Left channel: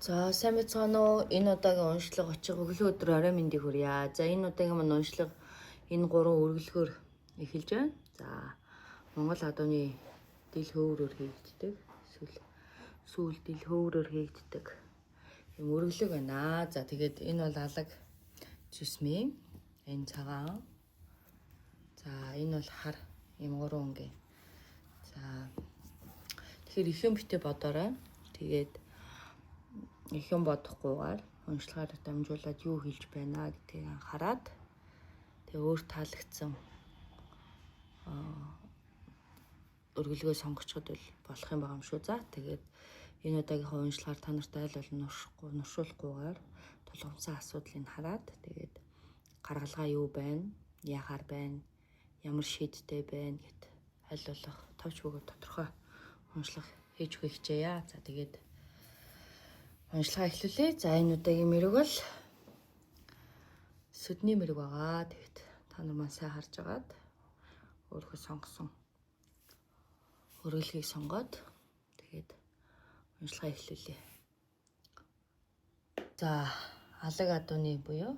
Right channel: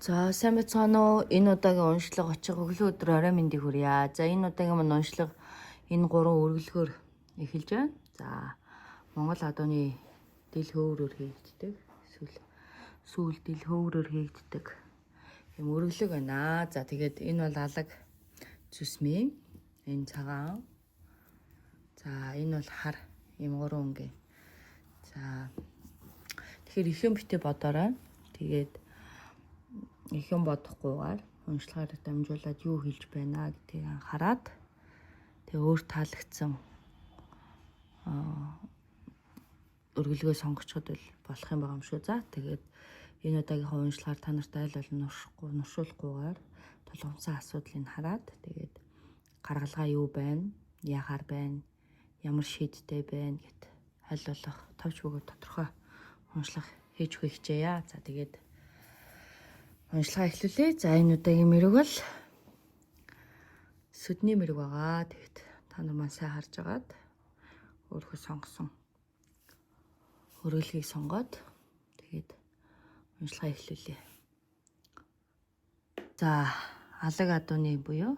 За сайн байцгаана уу? Энэ удаагийн уншлага очих өглөө өдөр орой мэндийг хүрье. За энэ удаагийн маань уншлага энэ гурван үргэлгөөр эхэлж байна. За Монгол адууны дил хөвөрөөр хийгддэг. Сүүл дил хөвөрөөр хийгддэг юм үргэлэг байна. За тэгээд энэ бол алаг цүсмийн энэ цагаан. За энэ бол хар юм гурван ингээ. За тэгэхээр их юм битээ бодоорой. Тэгээд их юм бодохгүйгээр уншлагаар дамжуулаад юу хэлж байна гэдгийг хараад тэгээ өөр таалагдсан өргөлгөө сонгочиход болох юм байгаа юм шүү. За тэгээд энэ удаагийнхаа уншлагаар та нарт айл ал нуршуулахгүйгээр тулгымсан асуудлыг хараад тэгээд гаргалгаа юу байна, яагаар байна, ямар шийдтэй байна гэд аль болох тавч бөгөөд тодорхой уншлага хийж өгөх хичээе. За тэгээд уншлага эхлүүлээ. За энэ удаагийн мэрэг бол сүдний мэрэг байгаа. Тэгэхэд та нар маань сайн харж агаад өөрөө сонгосон өргөлгийг сонгоод тэгээд уншлага эхлүүлээ. За алаг адууны буюу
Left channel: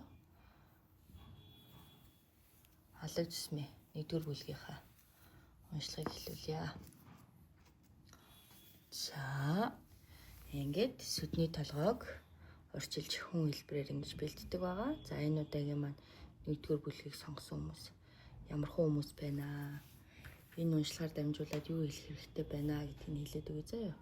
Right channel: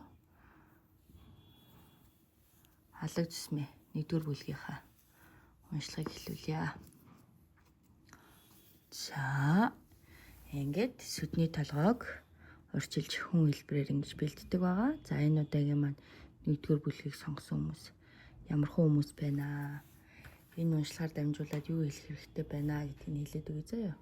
алаг цэсмээ 1-р бүлгийнхаа уншлагыг эхлүүлье. За ингээд сүдний толгойг урьдчилж хүн хэлбэрээр ингэж бэлддэг байгаа. За энэ удаагийн маань 1-р бүлгийг сонгосон хүмүүс ямар хүмүүс байна? Энэ уншлагаар дамжуулаад юу хэлэх хэрэгтэй байна гэдгийг хэлээд өгье заяа.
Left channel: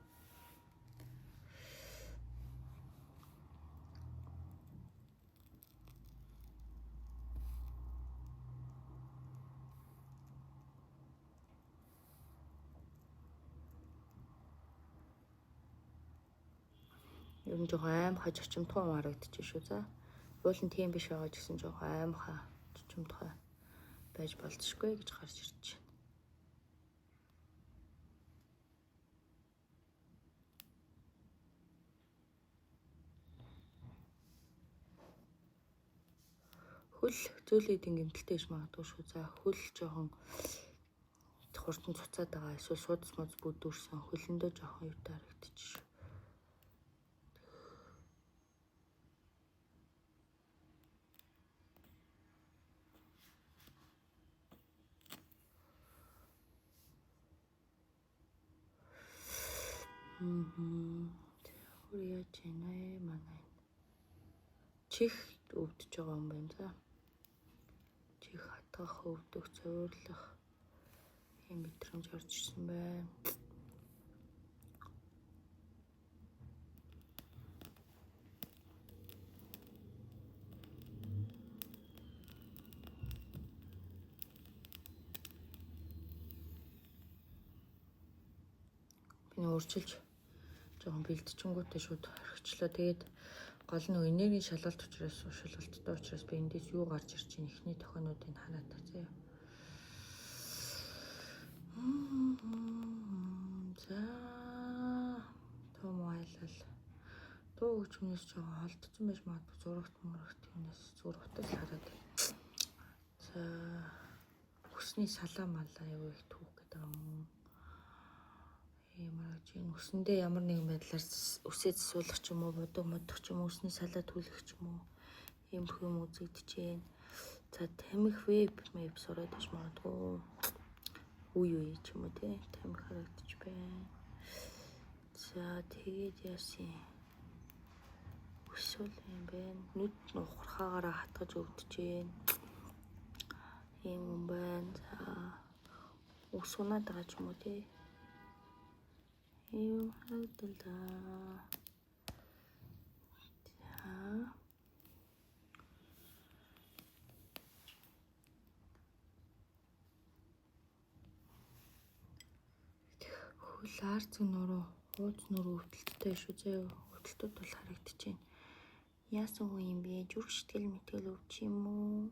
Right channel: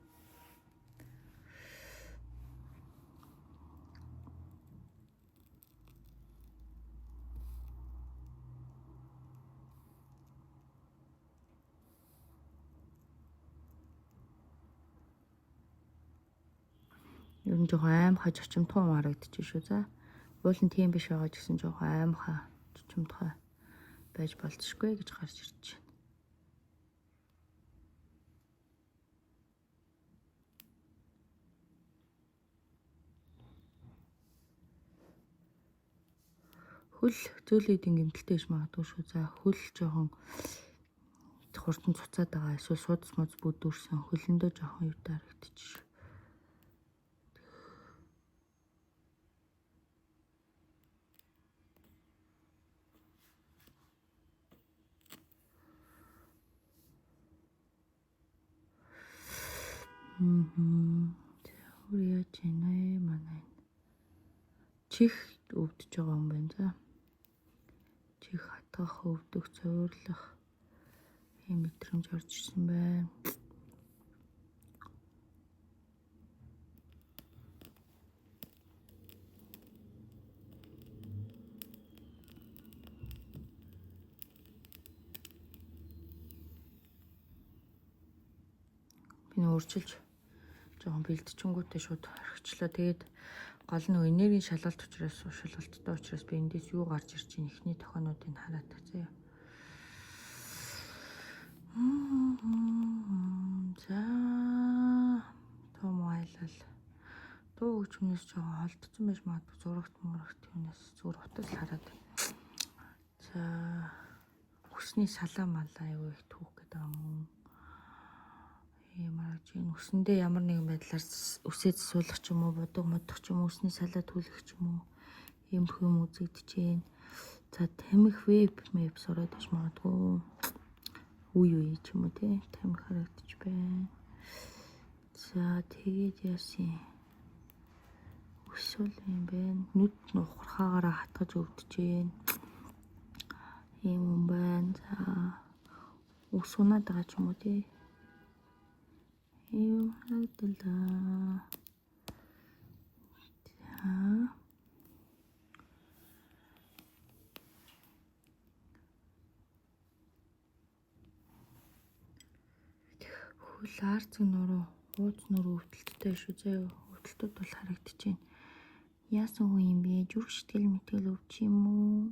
Ер нь жоохон аимхай чочимтгой харагдчих шүү. За уул нь тийм биш байгаа ч гэсэн жоохон аимхай чочимтгой байж болцсохгүй гэж гарч ирж байна. Хөл зөөлөдийн гэмтэлтэй иж магадгүй шүү. За хөл жоохон хурдан цуцаад байгаа. Эсвэл судас моц бүдүүрсэн хөлөндөө жоохон юу харагдчих шүү. Яажийнэ манай чих өвдөж байгаа юм байна. За чих хатгах, өвдөх, цовирлах ийм мэдрэмж орж ирсэн байна. Би өөрчилж жоохон бэлтчингүүтэй шууд орхичлаа. Тэгээд гол нь энергийн шалгалт учраас шалгалттай учраас би эндээс юу гарч ирж байна ихний тохионуудыг хараад заяа. За том айлал дуу хөгжмнөөс жоохон холдсон байж магадгүй зурагт юмнаас зүгээр утас хараад. За хүсний салаа малаа юу их түүх гэдэг юм. Ямар ч юм өсөндөө ямар нэгэн байдлаар үсээ засуулах ч юм уу, бодог модох ч юм уу, өсний салаа түлхэх ч юм уу ийм хүм үзэгдэж байна. За тамхи веб сураад иж магадгүй үе ч юм уу тий тамхи харагдаж байна. За тэгээд яасан өсвөл юм байна. Нүд нухрахаагаараа хатгаж өвдөж байна. Ийм юм байна. За ус унаад байгаа ч юм уу тий. Ийм харагдалаа. Хөл арцэг нуруу, ууз нуруу өвдөлттэй шүү. Заяа өвдөлтүүд бол харагдаж байна. Яасан хүн юм бэ? Зүрх сэтгэл мэтгэл өвч юм уу?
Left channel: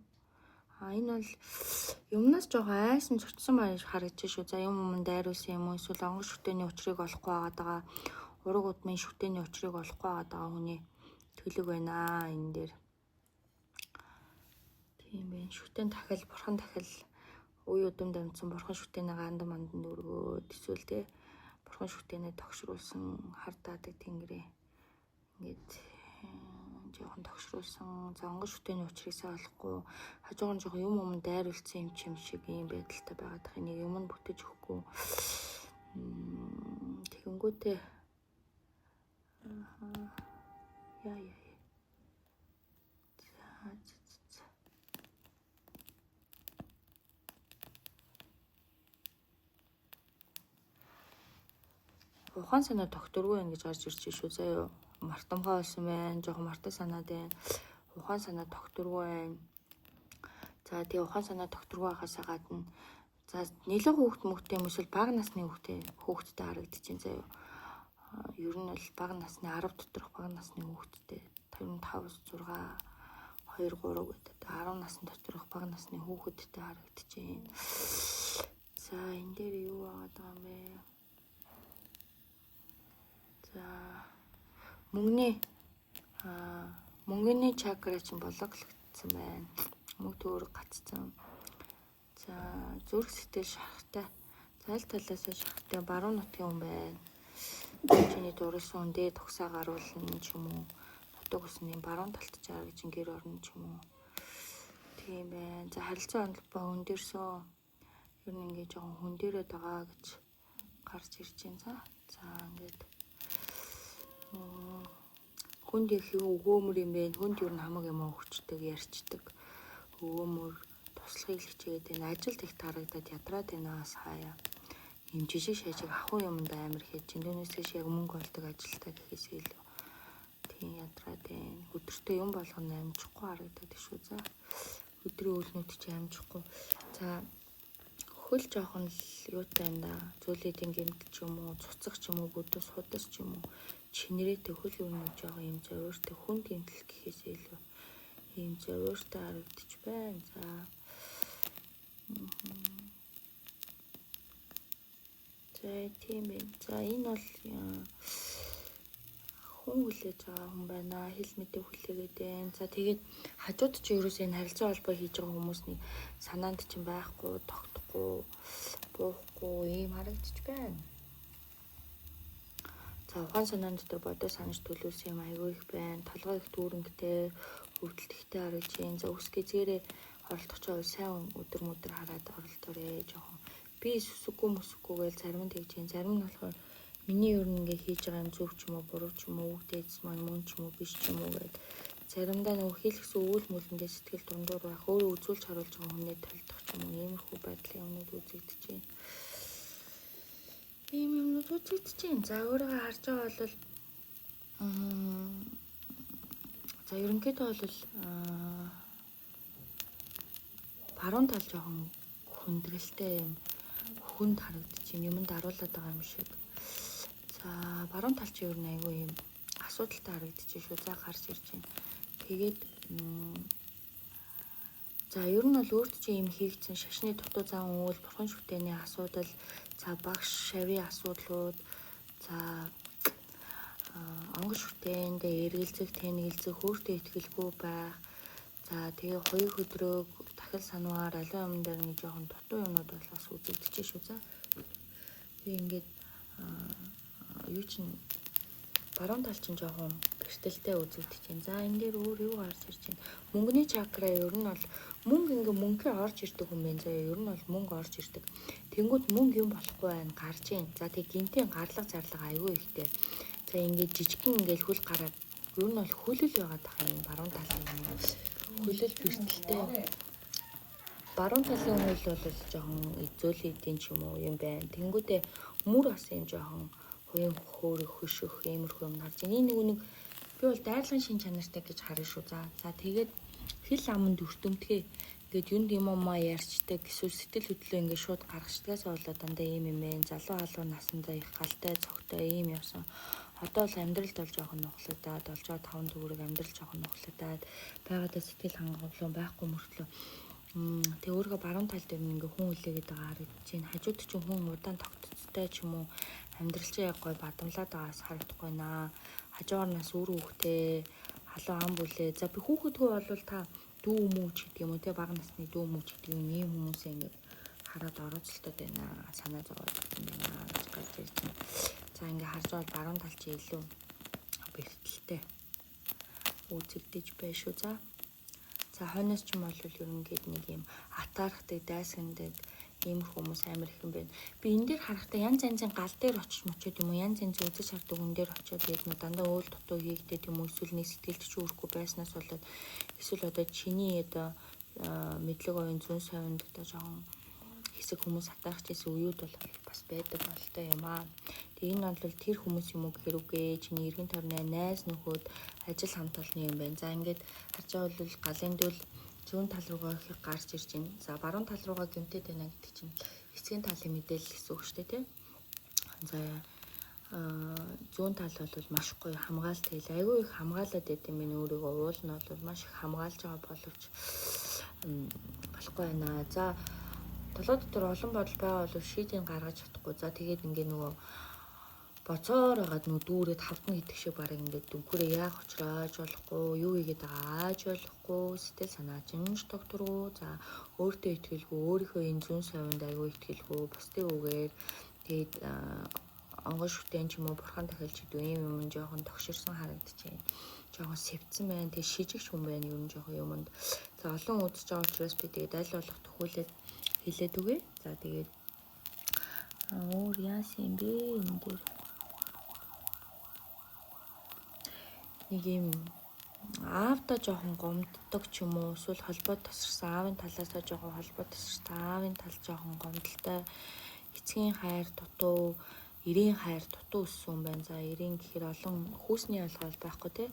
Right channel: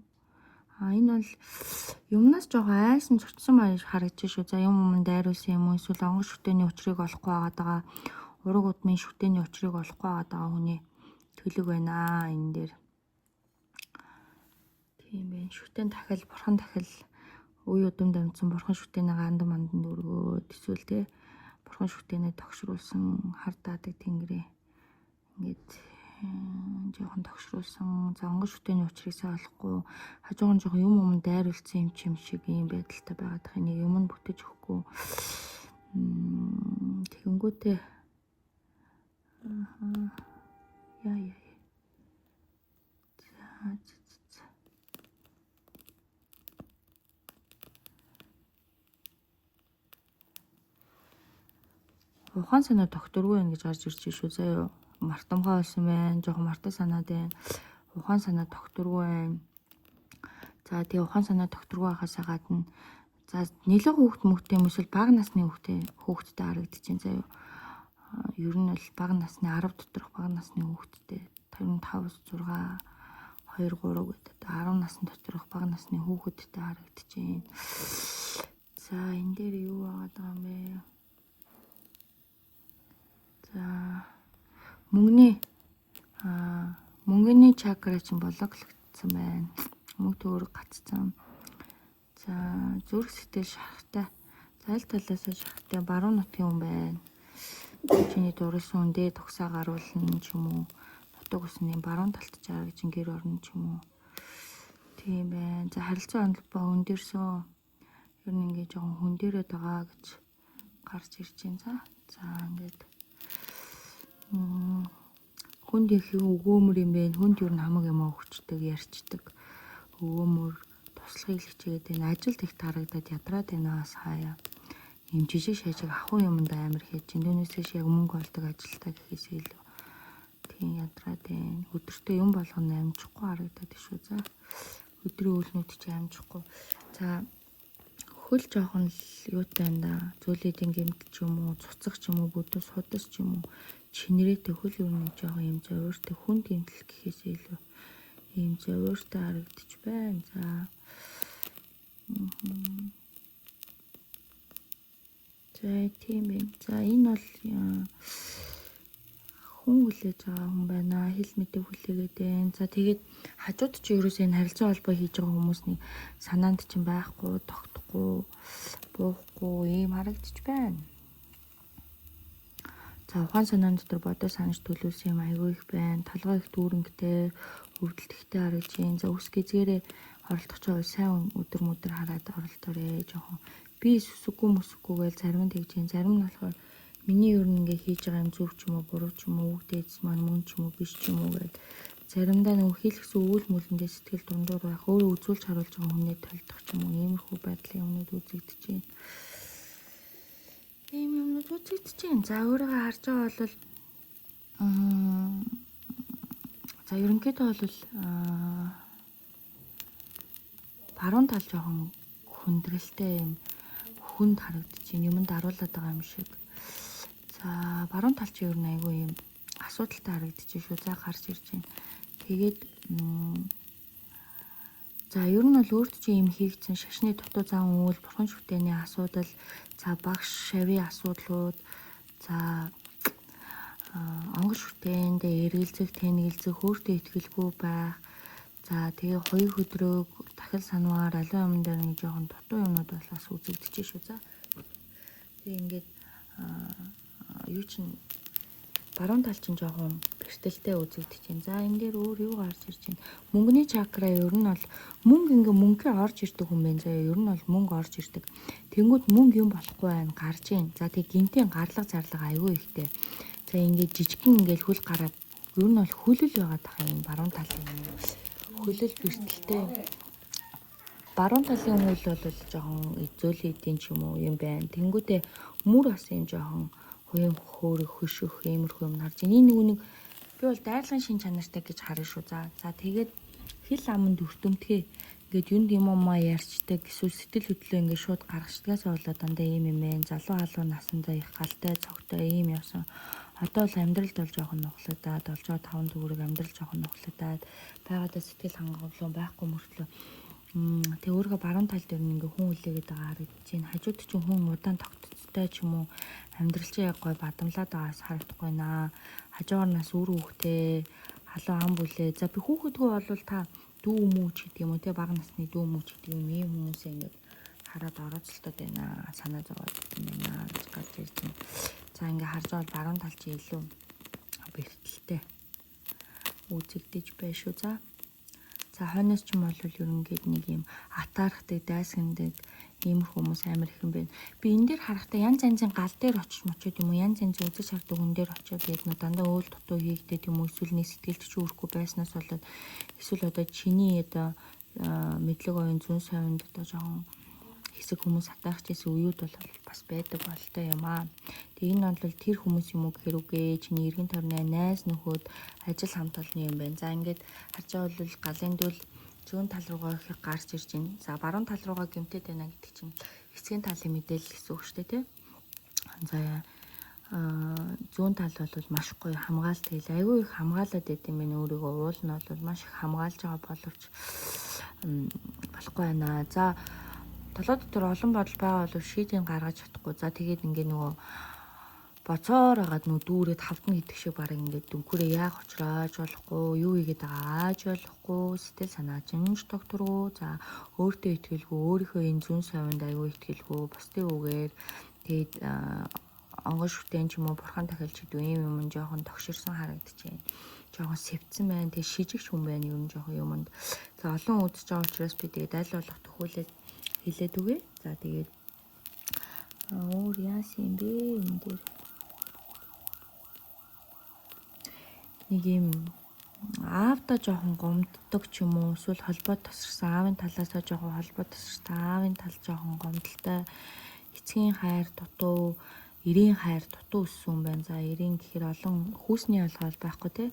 Энэ бол юмнаас жоохон айсан цочсон маяг харагдаж шүү. За юм дайруулсан юм уу? Эсвэл онгор шүтээний учрыг олохгүй байгаа. Ураг удмын шүтээний учрыг олохгүй байгаа хүний төлөв байна энэ дээр. Тийм байна. Шүтэн дахил, бурхан дахил үе удам дамжсан бурхан шүтээний гандан мандан өргөөд эсвэл те бурхан шүтээний тогшруулсан хар даадаг тэнгэрээ Ингээд жоохон тогшруулсан. За онгон шүтээний учрыг сайн олохгүй. Хажуугаар жоохон юм дайруулсан юм шиг юм байдалтай байгаад их нэг юм бүтэж өгөхгүй. Тэгэнгүүтээ яа. Ухаан санаа докторгүй ингэж гарч ирж шүү заяа. Мартамгаа болсон байна. Жоохон мартаа санаад байна. Ухаан санаа докторгүй байна. За тэгээ ухаан санаа докторгүй байхаас гадна за нэлээд хүүхэд мөхтэй юм эсвэл бага насны хүүхэдтэй харагдаж байна заяа. Ер нь бол бага насны 10 доторх бага насны хүүхэдтэй 55 6 2 3 гэдэг 10 насны доторх бага насны хүүхэдтэй харагдаж байна. За энэ дээр юу байгаа юм бэ? За мөнгөний чакра чинь бологлогдсон байна. Мөнгө төгрөг гацсан. За зүрх сэтгэл шарахтай. Зайл талаас нь шарахтай баруун нутгийн хүн байна. Чиний дурлсан үндэ төгсөө гаруулна ч юм уу. Нутаг усны баруун талд чарагч гэр орно ч юм уу. Тийм байна. За харилцаа онолбоо өндөрсөн. Ер нь ингээ жоохон хөндөрөөд байгаа гэж гарч ирж байна. За ингээд хүнд их өгөөмөр юм бэ. Хүнд юу намаг юм өгчдөг, ярьчдаг. Өгөөмөр туслахыг л хичээгээд байна. Ажилд их тарагдаад ядраад байнаас хаяа. Ийм жижиг шажиг ахуй юмд амар хийж Индонезиэс яг мөнгө олдог ажилтаа гэхээс илүү тийм ядраад байна. Өдөртөө юм болгоно амжихгүй харагдаад шүү. За өдрийн үйлнүүд чи амжихгүй. За хөл жоохон л юутай байна да. Зүйлүүдийн гэмт ч юм уу, цуцаг ч юм уу, өдөөс худас ч юм уу, чинэрээтэй хөл өрнөж байгаа юм зөвөртэй хүн гэмтэл гэхээс илүү ийм зөвөртэй харагдаж байна. За за тийм ээ. За энэ бол хүн хүлээж байгаа хүн байна. Хэл мэдээ хүлээгээд байна. За тэгээд хажууд чи ерөөсөө энэ харилцаа холбоо хийж байгаа хүмүүсний санаанд чинь байхгүй, тогтохгүй, буухгүй ийм харагдаж байна. За ухаан санаан дотор бодоо санаж төлөвлөсөн юм айгүй их байна. Талгаа их дүүрэнгтэй, өвдөлттэй харагдаж байна. За үс гизгээрээ оролдох жоо сайн өдөр хараад оролдоорой. Жоохон би сүсэггүй гээл зарим нь тэгж байна. Зарим нь болохоор миний ер нь ингээ хийж байгаа юм зөв ч юм уу, буруу ч юм уу, дээдс маань мөн ч юм уу, биш ч юм уу гэдэг. Заримдаа нэг хийлгсэн үйл мүлэндээ сэтгэл дундуур байх, өөрөө үзүүлж харуулж байгаа хүмүүний талдах ч юм уу, иймэрхүү байдлын юмнууд үзэгдэж байна. Ийм юмнууд үзэгдэж байна. За өөрийгөө харж байгаа бол за ерөнхийдөө бол баруун тал жоохон хүндрэлтэй юм хүнд харагдаж байна. Юмд харуулдаг байгаа юм шиг. За баруун тал чи ер нь айгүй юм асуудалтай харагдаж шүү. За гарч ирж байна. Тэгээд за ер нь бол өөрт чи юм хийгдсэн шашны дутуу зам үйл бурхан шүтээний асуудал, за багш шавийн асуудлууд, за онгон шүтээндээ эргэлзэх, тэнэгэлзэх, өөртөө итгэлгүй байх. За тэгээ хоёр өдрөөг дахил сануугаар алын өмнө дээр нэг жоохон дутуу юмуд бас үзэгдэж шүү. За би ингээд юу чинь баруун тал чинь жоохон гэртэлтэй үзэгдэж байна. За энэ дээр өөр юу гарч ирж байна? Мөнгөний чакра ер нь бол мөнгө орж ирдэг хүн байна. За ер нь бол мөнгө орж ирдэг. Тэнгүүд мөнгө юм болохгүй байна, гарж байна. За тэг гинтийн гарлага зарлага аюу ихтэй. За ингээд жижигхэн ингээд хөл гараад ер нь бол хүлэл байгаад байгаа юм баруун талын хүлэл гэртэлтэй. Баруун талын хөл бол жоохон эзөөлөдийн ч юм уу юм байна. Тэнгүүдээ мөр бас юм жоохон уян хөөрөх хөшөх иймэрхүү юм харж байна. Нэг би бол дайлагын шин чанартай гэж харна шүү. За тэгээд хэл аманд өртөмтгий ингээд юунд юм уу ярьчдаг эсвэл сэтгэл хөдлөө ингээд шууд гаргацдагаас болоод дандаа ийм юм ээ. Залуу насандаа их галтай цогтой ийм явсан. Одоо бол амьдралд бол жоохон нуглуудаад, болж байгаа 5 төгрөг амьдрал жоохон нуглуудаад байгаадаа сэтгэл хангалуун байхгүй мөртлөө тэг өөргөө баруун тал дээр ингээ хүн үлээгээд байгаа харагдаж байна. Хажууд чинь хүн удаан тогтцтой ч юм уу амьдрал чинь яг гой бадамлаад байгаас харагдах байна. Хажуугаарнаас үр хөвгтэй халуун ам бүлээ. За би хүүхэдгөө болвол та дүү мүү ч гэдэг юм уу те бага насны дүү мүү ч гэдэг юм ийм хүмүүс ингээ хараад орооцолтод байна. Санаа зовоод байна гэж гарч ирж байна. За ингээ харж байгаа баруун тал чи илүү бэрхтэлтэй үзэгдэж байна шүү. За хойноос ч юм бол ер нь гээд нэг юм атаархдаг, дайсагнадаг ийм хүмүүс амар их юм байна. Би энэ дээр харахтаа янз янзын гал дээр очиж мочод юм уу, янз янзын үзэж хардаг хүн дээр очиод гээд нөө дандаа уул дутуу хийгдээд юм уу, эсвэл нэг сэтгэлч үүрхгүй байснаас болоод эсвэл одоо чиний одоо мэдлэг оюун зүүн совинд одоо жоохон хэсэг хүмүүс атаарч ирсэн үеуд бол бас байдаг болтой юм аа. Тэгээ энэ бол тэр хүмүүс юм уу гэхээр үгүй чиний эргэн тойрны найз нөхөд ажил хамт олны юм байна. За ингээд харж байгаа бол галын дүүл зүүн тал руугаа их гарч ирж байна. За баруун тал руугаа гэмтээд байна гэдэг чинь эцгийн талын мэдээлэл гэсэн үг шүү дээ, тийм. За зүүн тал бол маш гоё хамгаалт хийл айгүй их хамгаалаад идэм юм өөрийгөө уул нь бол маш их хамгаалж байгаа боловч болохгүй байна. За толгой дотор олон бодол байгаа бол шийдэн гаргаж чадахгүй. За тэгээд ингээ нөгөө боцоор агаад нөгөө дүүрээд хавдан гэдэг шиг баг ингээд дүнхөрөө яг очрааж болохгүй, юу хийгээд ааж болохгүй, сэтгэл санаа жинж докторгүй. За өөртөө итгэлгүй, өөрийнхөө энэ зүүн совинд аюу итгэлгүй, бусдын үгээр тэгээд онгон шүтэн ч юм уу бурхан тахилч гэдэг юм юм жоохон тогширсон харагдчихээн. Жоохон сэвцэн байна. Тэгээд шижигч хүн байна юм жоохон юмд. За олон үзэж байгаа учраас би тэгээд аль болох төхүүлээд хэлээд үгээ. За тэгээд өөр яасан юм бэ энэ дээр нэг юм аавда жоохон гомддог ч юм уу, эсвэл холбоо тасарсан аавын талаасаа жоохон холбоо тасарсан аавын тал жоохон гомдолтой, эцгийн хайр дутуу, эрийн хайр дутуу өссөн юм байна. За эрийн гэхээр олон хүүсний олгол байхгүй те.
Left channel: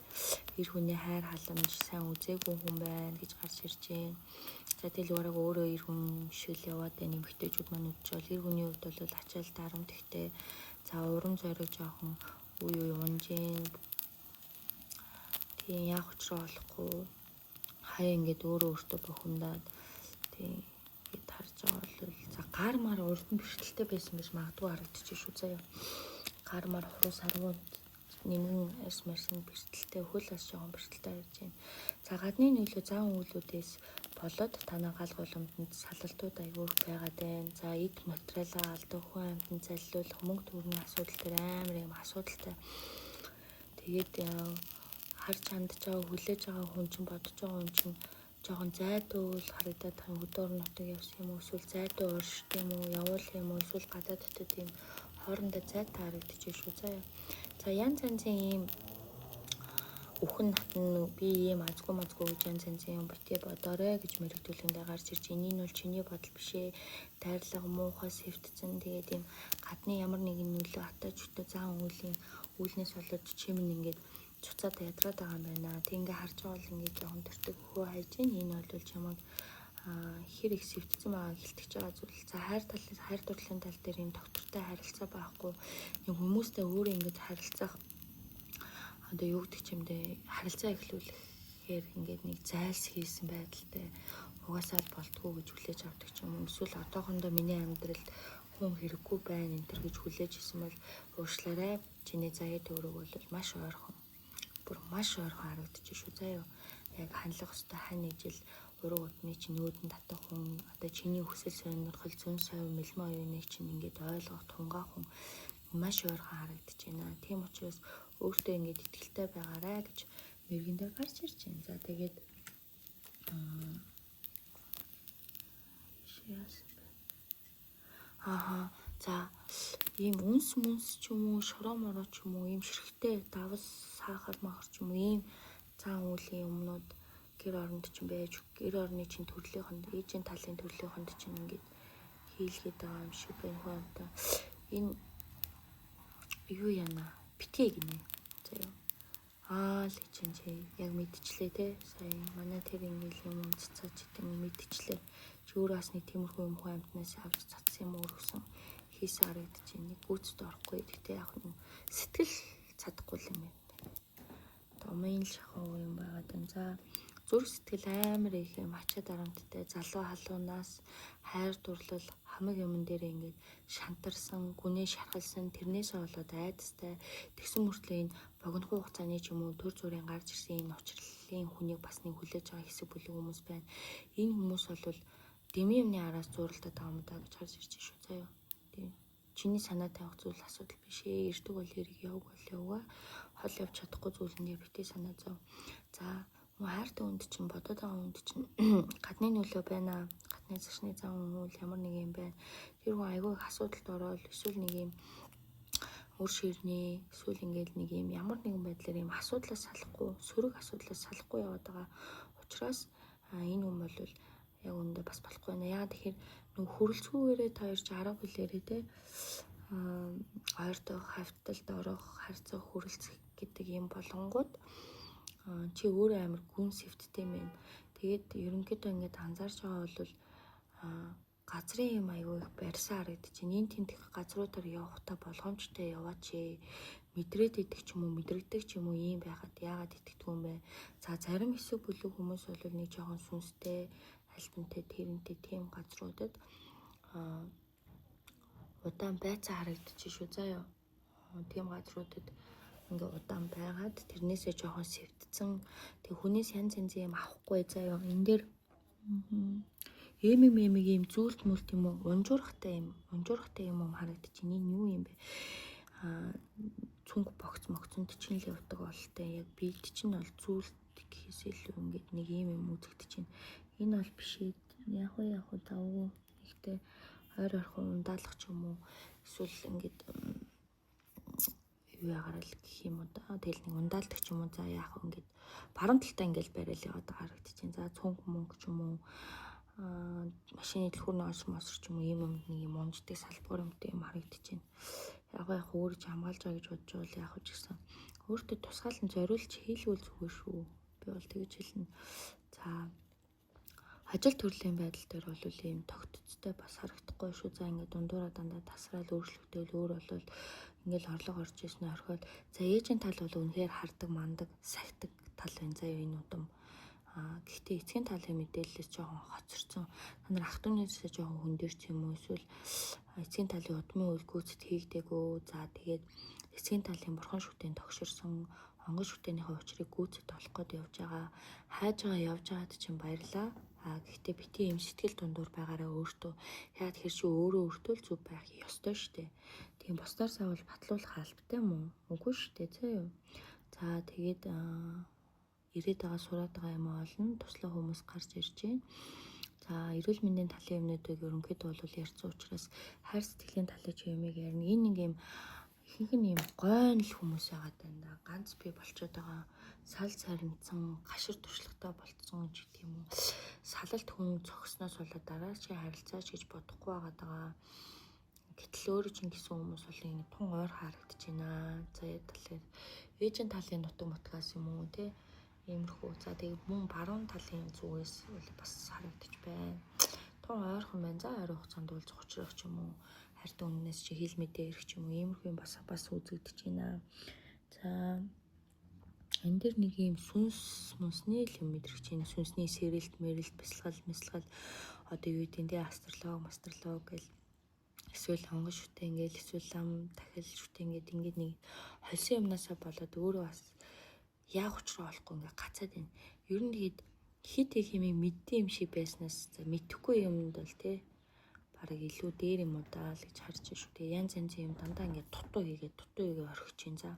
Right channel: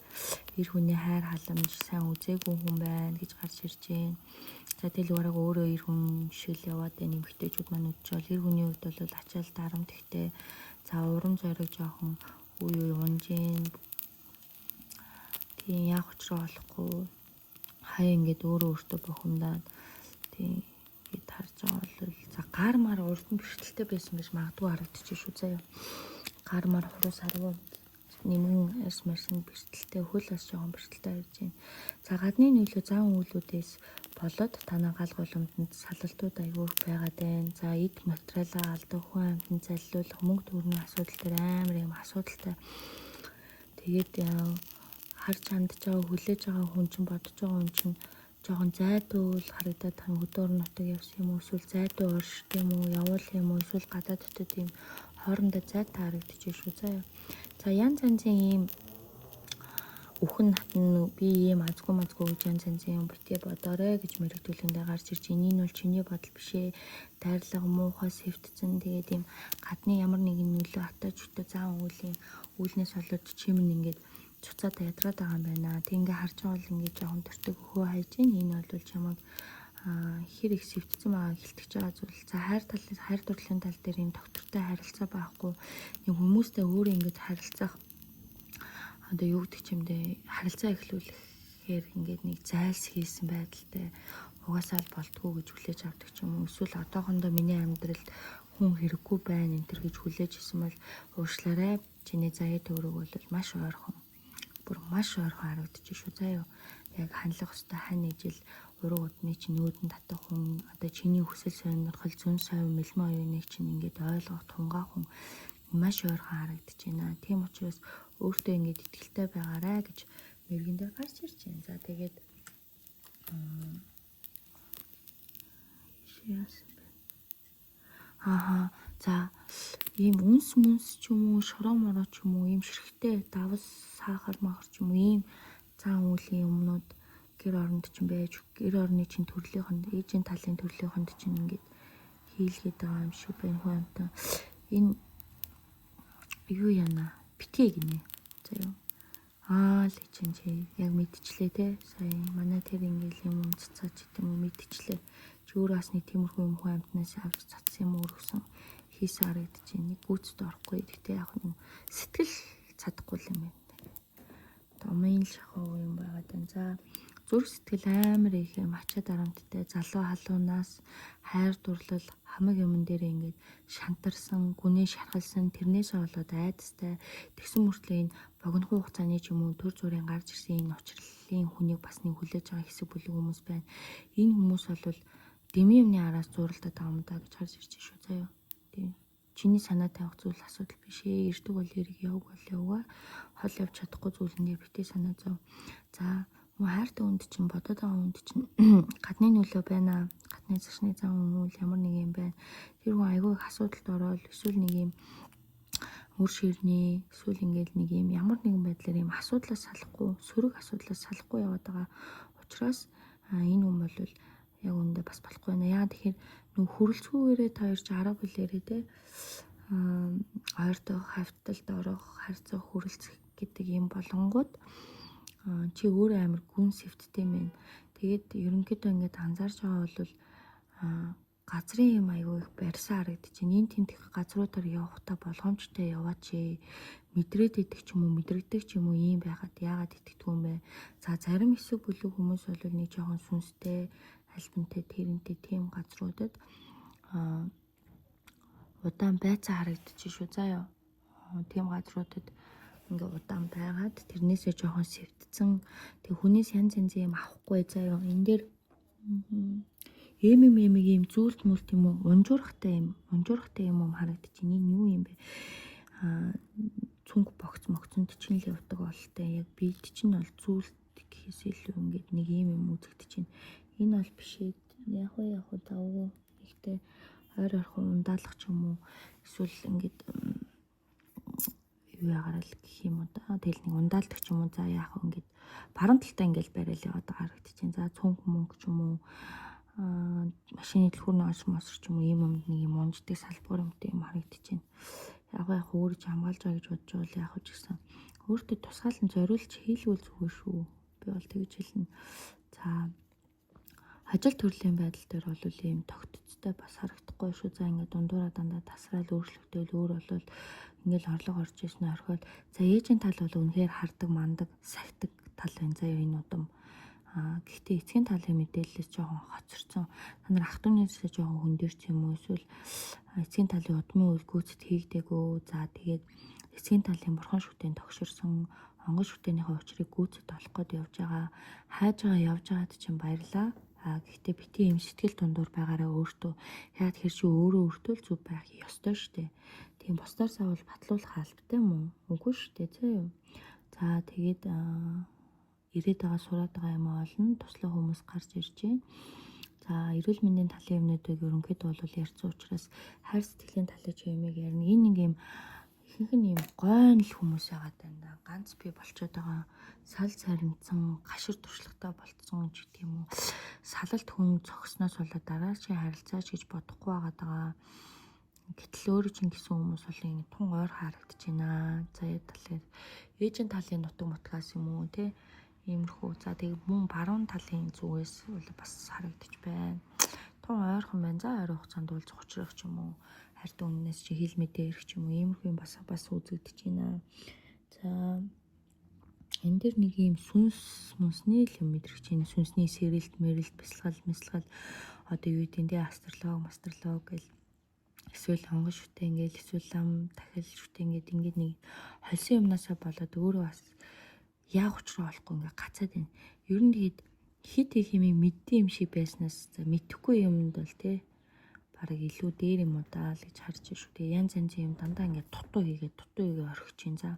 Эр хүний хайр халамж сайн үзээгүй хүн байна гэж гарч ирж байна. За дэлгүүрээ өөрөө эр хүн шиг л яваад байна. Эмэгтэйчүүд маань үдчийл эр хүний хувьд бол ачаал дарамт ихтэй. За урам зориг жоохон үе унжин. Тийм яг учраа болохгүй. Хаяа ингээд өөрөө өөртөө бухимдаад тийм гээд харж байгаа бол за гар мар урдан бэрхтэлтэй байсан байж магадгүй харагдчих шүү заяа. Гар мар хуруу саргуу нэмэн эрсмэрсэн бэрхтэлтэй хөл бас жоохон бэрхтэлтэй байж байна. За гадны нөлөө зан үйлүүдээс болоод танай гал боломжинд салалтууд аягүй байгаад байна. За эд материалаа алдах, хүн амьтанд заллуулах, мөнгө төгрөгийн асуудал дээр амар юм асуудалтай. Тэгээд харж хандж байгаа хүлээж байгаа хүн чинь бодож байгаа хүн чинь жоохон зайдуул харагдаад тань өдөр нутаг явсан юм уу, эсвэл зайдуу оршд юм уу, явуул юм уу, эсвэл гадаад дотор тийм хоорондоо зайтай харагдчих шүү заяа. За янз янзын ийм үхэн натн би ийм азгүй гэж янз янзын битээ бодоорой гэж мэрэгдүүлэндээ гарч ирж энэ нь бол чиний бодол биш ээ. Дайрлага муухай сэвтцэн тэгээд ийм гадны ямар нэгэн нөлөө атаачтай зан үүлнээс болоод чимэн ингээд цуцаад ядраад байгаа юм байна. Тэг ингээ харж байгаа бол ингээ жоохон төртөг хөө хайж байна. Энэ бол чамайг хэр их сэвтцэн байгаа хэлтгэж байгаа зүйл. За хайр дурлалын тал дээр энэ доктортой харилцаа байхгүй. Нэг хүмүүстэй өөрөө ингэж харилцах одоо юу гэдэг чимдээ харилцаа эхлүүлэхээр ингээд нэг зайлс хийсэн байдалтай угаасаа л болтгоо гэж хүлээж авдаг ч юм уу. Эсвэл одоохондоо миний амьдралд хүн хэрэггүй байна энэ төр гэж хүлээж исэн бол уушлаарай. Чиний заяа төврөг бол маш ойрхон. Маш ойрхон харагдчих шүү заяа. Яг хандлах хөстэй хань ижил уруу удны чинь нүүдэн татах хүн одоо чиний хүсэл сонирхол зүүн совь мэлмэ оюуныг чинь ингээд ойлгох тунгаа хүн маш ойрхон харагдаж байна. Тийм учраас өөртөө ингээд итгэлтэй байгаарай гэж мэрэгэн дээр гарч ирж байна. За тэгээд за ийм үнс ч юм уу, шороо мороо ч юм уу, ийм ширхтэй давс сахар махар ч юм уу, ийм зан үйлийн юмнууд гэр оронд чинь байж, гэр орны чинь төрлийнхэнд, ээжийн талын төрлийнхэнд чинь ингээд хийлгээд байгаа юм шиг байна хүн амтаа. Энэ юу яана? Битгий гинэ. За л чинь чи яг мэдчихлээ те. Сая манай тэр ингээл юм цацаач гэдэг юм мэдчихлээ. Чи өөрөө бас нэг тиймэрхүү юм хүн амтнаас авч цацсан юм өөрсөн хийсэн харагдаж байна. Нэг гүйцэд орохгүй. Гэхдээ яг нэг сэтгэл чадахгүй юм байна. Домын шахуу юм байгаад байна. За зүрх сэтгэл амар их юм ачаа дарамттай залуу халуунаас хайр дурлал хамаг юмн дээр ингээд шантарсан, гүнээ шархалсан, тэрнээсээ болоод айдастай тэгсэн мөртлөө энэ богино хугацааны ч юм уу төр зүрийн гарч ирсэн энэ учрлалын хүнийг бас нэг хүлээж байгаа хэсэг бүлэг хүмүүс байна. Энэ хүмүүс бол дэмий юмны араас зууралдаад байгаа юм даа гэж харж ирж шүү заяа. Тийм. чиний санаа тавих зүйл асуудал биш ээ. Ирдэг бол ирэх, яваг бол яваа. Хол явж чадахгүй зүйлэндээ битээ санаа зов. За мөн хайртай хүнд чинь бодоод байгаа хүнд чинь гадны нөлөө байна. Гадны зашны зам юм уу ямар нэг юм байна. Тэр хүн айгүй их асуудалд ороод эсвэл нэг юм өөр ширнээ эсвэл ингээд нэг юм ямар нэгэн байдлаар юм асуудлаас салахгүй, сөрөг асуудлаас салахгүй яваад байгаа учраас энэ хүн бол яг үндэ бас болохгүй байна. Яагаад тэгэхээр нөх хүрэлцгүйгээрээ та ирж арга билээрээ те ойртоо хавталд орох, харьцаа хүрэлцэх гэдэг юм болонгууд чи өөрөө амар гүн сэвттэй мэн. Тэгээд ерөнхийдөө ингээд анзаарч байгаа бол газрын юм аягүй их барьсан харагдчих. Энд тент их газруудаар явахдаа болгоомжтой яваач. Мэдрээд идэх ч юм уу, мэдрэгдэг ч юм уу ийм байгаад яагаад итгэдэг юм бэ? За зарим хэсэг бүлэг хүмүүс бол нэг жоохон сүнстэй, альбинтэй, тэрнтэй тийм газруудад удаан байцаа харагдчих шүү заяа. Тийм газруудад ингээ удаан байгаад тэрнээсээ жоохон сэвтцэн тэг хүнээс янз янз юм авахгүй заяа. Энэ дээр ийм зүйлт мүлт юм уу унжуурхтай юм уу харагдчих. Энэ юу юм бэ? Цүнх могцонд чинь л явдаг болтой. Яг биед чинь бол зүйлт гэхээс илүү ингээд нэг юм үзэгдэж чинь. Энэ бол биш ээ. Яг уу тавгүй. Ихтэй ойрхон ундаалах ч юм уу. Эсвэл ингээд юу ягарал гэх юм уу да. Тэгэл нэг ундаалдаг ч юм уу. За яах вэ ингээд баруун талтай ингээд барайл яваад харагдчих чинь. За цүнх мөнгө ч юм уу. Машины дэлгүүрний мосор ч юм уу ийм юмд нэг юм унждаг салбар юмтай юм харагдчих чинь. Яг өөрөж хамгаалж байгаа гэж бодож байвал яг ч гэсэн өөртөө тусгаалan зориулж хийлгүүл зүгээр шүү. Би бол тэгж хэлнэ. За ажил төрлийн байдал дээр бол ийм тогтцтой бас харагдахгүй шүү. За ингээд дундуураа дандаа тасраал өөрчлөгдөөл өөр болол ингээл орлого орж ирсэн орхиод за ээжийн тал бол үнэхээр хардаг мандаг сахидаг тал байна заяа энэ удам. Гэхдээ эцгийн талын мэдээлэлээс жоохон хоцорсон. Та нар ах トゥ унаас жоохон хөндөрч юм уу эсвэл эцгийн талын удмын үйл гүйцэд хийгдэггүй. За тэгээд эцгийн талын бурхан шүтэн тогширсон онгон шүтэнийхээ учрыг гүйцэд олох гээд явж байгаа. Хайж байгаа явж байгаад чинь баярлаа. Гэхдээ бити юм сэтгэл дундуур байгаараа өөртөө яагаад хэр чи өөртөө л зүв байх ёстой штэ. Тийм бусдаар савал батлуулах албатай мөн. Үгүй штэ зөө. За тэгээд ирээд байгаа сураад байгаа юм олно. Туслах хүмүүс гарч ирж байна. За эрүүл мэндийн талын юмнуудыг ерөнхийдөө бол ярьсан учраас хайр сэтгэлийн талын юмыг ярина. Энэ нэг юм ихэнх нь юм гойн л хүмүүс яагаад байна. Ганц бий болчиход байгаа. Сал царинцсан, гашир туршлагатай болцсон ч гэх юм уу. Салалт хүн цогсноос болоод дараачийн харилцаач гэж бодохгүй байгаа. Гэтэл өөрөө чинь гэсэн хүмүүс бол ингэ тун ойр харагдаж байна. За талын ээжийн талын нутаг мутгаас юм уу те иймэрхүү. За тэгээд мөн баруун талын зүгээс бас харагдаж байна. Тун ойрхон байна. За ойр хугацаанд бол зочрох ч юм уу хайртай үннээс чи хил мэдээ ирэх ч юм уу иймэрхүү юм бас үзэгдэж байна. За энэ дэр нэг юм сүнсний л юм мэдрэгч байна. Сүнсний сэрэлт, мэрэлт, бясалгал одоо юу гэдэг нь астролог гэл эсвэл онгон шүтэн гэл эсвэл лам дахил шүтэн ингээд нэг хольсон юмнасаа болоод өөрөө бас яг учраа олохгүй ингээд гацаад байна. Ер нь тэгээд хит их юм мэддэг юм шиг байснаас мэдхгүй юмд бол те бараг илүү дээр юм уу даа л гэж харж байна шүү. Тэгээ янз юм дандаа ингээд дутуу хийгээд орхиж чинь. За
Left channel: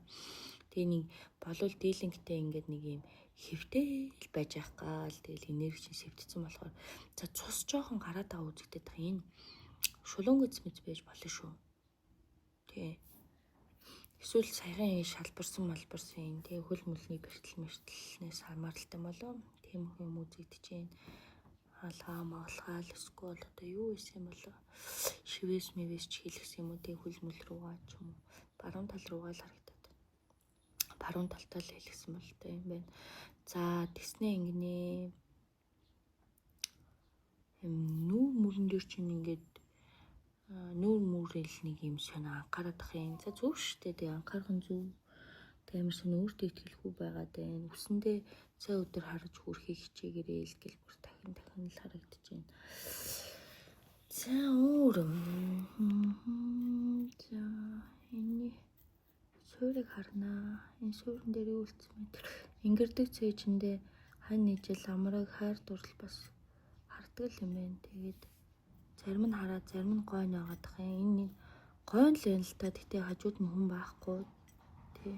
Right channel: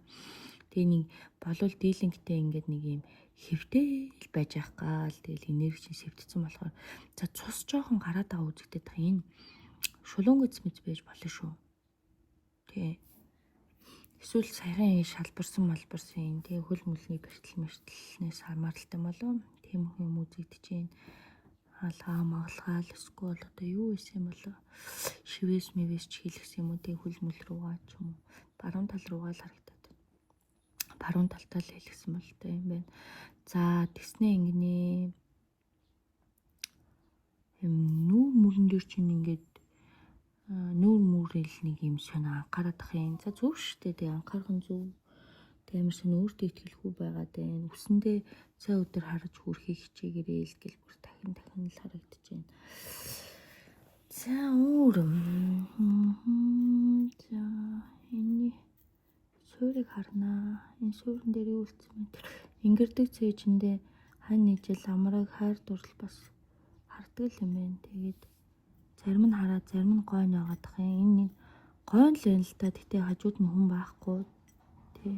тэгээ нэг болов дийлэнхтэй ингээд нэг юм хэвтэй л байж ах гал тэгэл энерги чинь сэвтцсэн болохоор за цус жоохон гараад байгаа үзэгдээд байгаа. Энэ шулуун гэц байж болно шүү. Тэ. Эсвэл саяхан шалбарсан энэ тэг хөл мөлний бэртэл хамааралтай болов. Тийм юм үзэгдэж байна. Хаалгаа магалгаал эсвэл одоо юу байсан болов. Шивээс ч хийлгсэн юм уу тэг хөл мөл рүүгээ ч юм баруун тал руугаа л харагдаад. Баруун талтаа л хийлгсэн бол тэ юм байна. За тэгснээ ингэнэ. Нүүр мөрөн дээр чинь ингээд нүүр мөрөл нэг юм санаа анхаарах юм. За зөв шүү дээ. Анхаарах нь зөв. Тэмэрсэн өөртөө итгэлгүй байгаад байна. Үсэндээ цаа өдөр харж хүрхийг хичээгээрээ л гэл бүр дахин л харагдаж байна. За за энэ суурийг харнаа. Энэ суурин дээр юу үлдсэн бэ? Ингэрдэг цээжиндээ хань нийжэл амраг хайр дурлал бас хардаг юм байна. Тэгээд зарим нь хараад зарим нь гойно байгаад байгаа. Энэ нэг гойн л байна л та. Тэгтээ хажууд нь хүн байхгүй. Тий.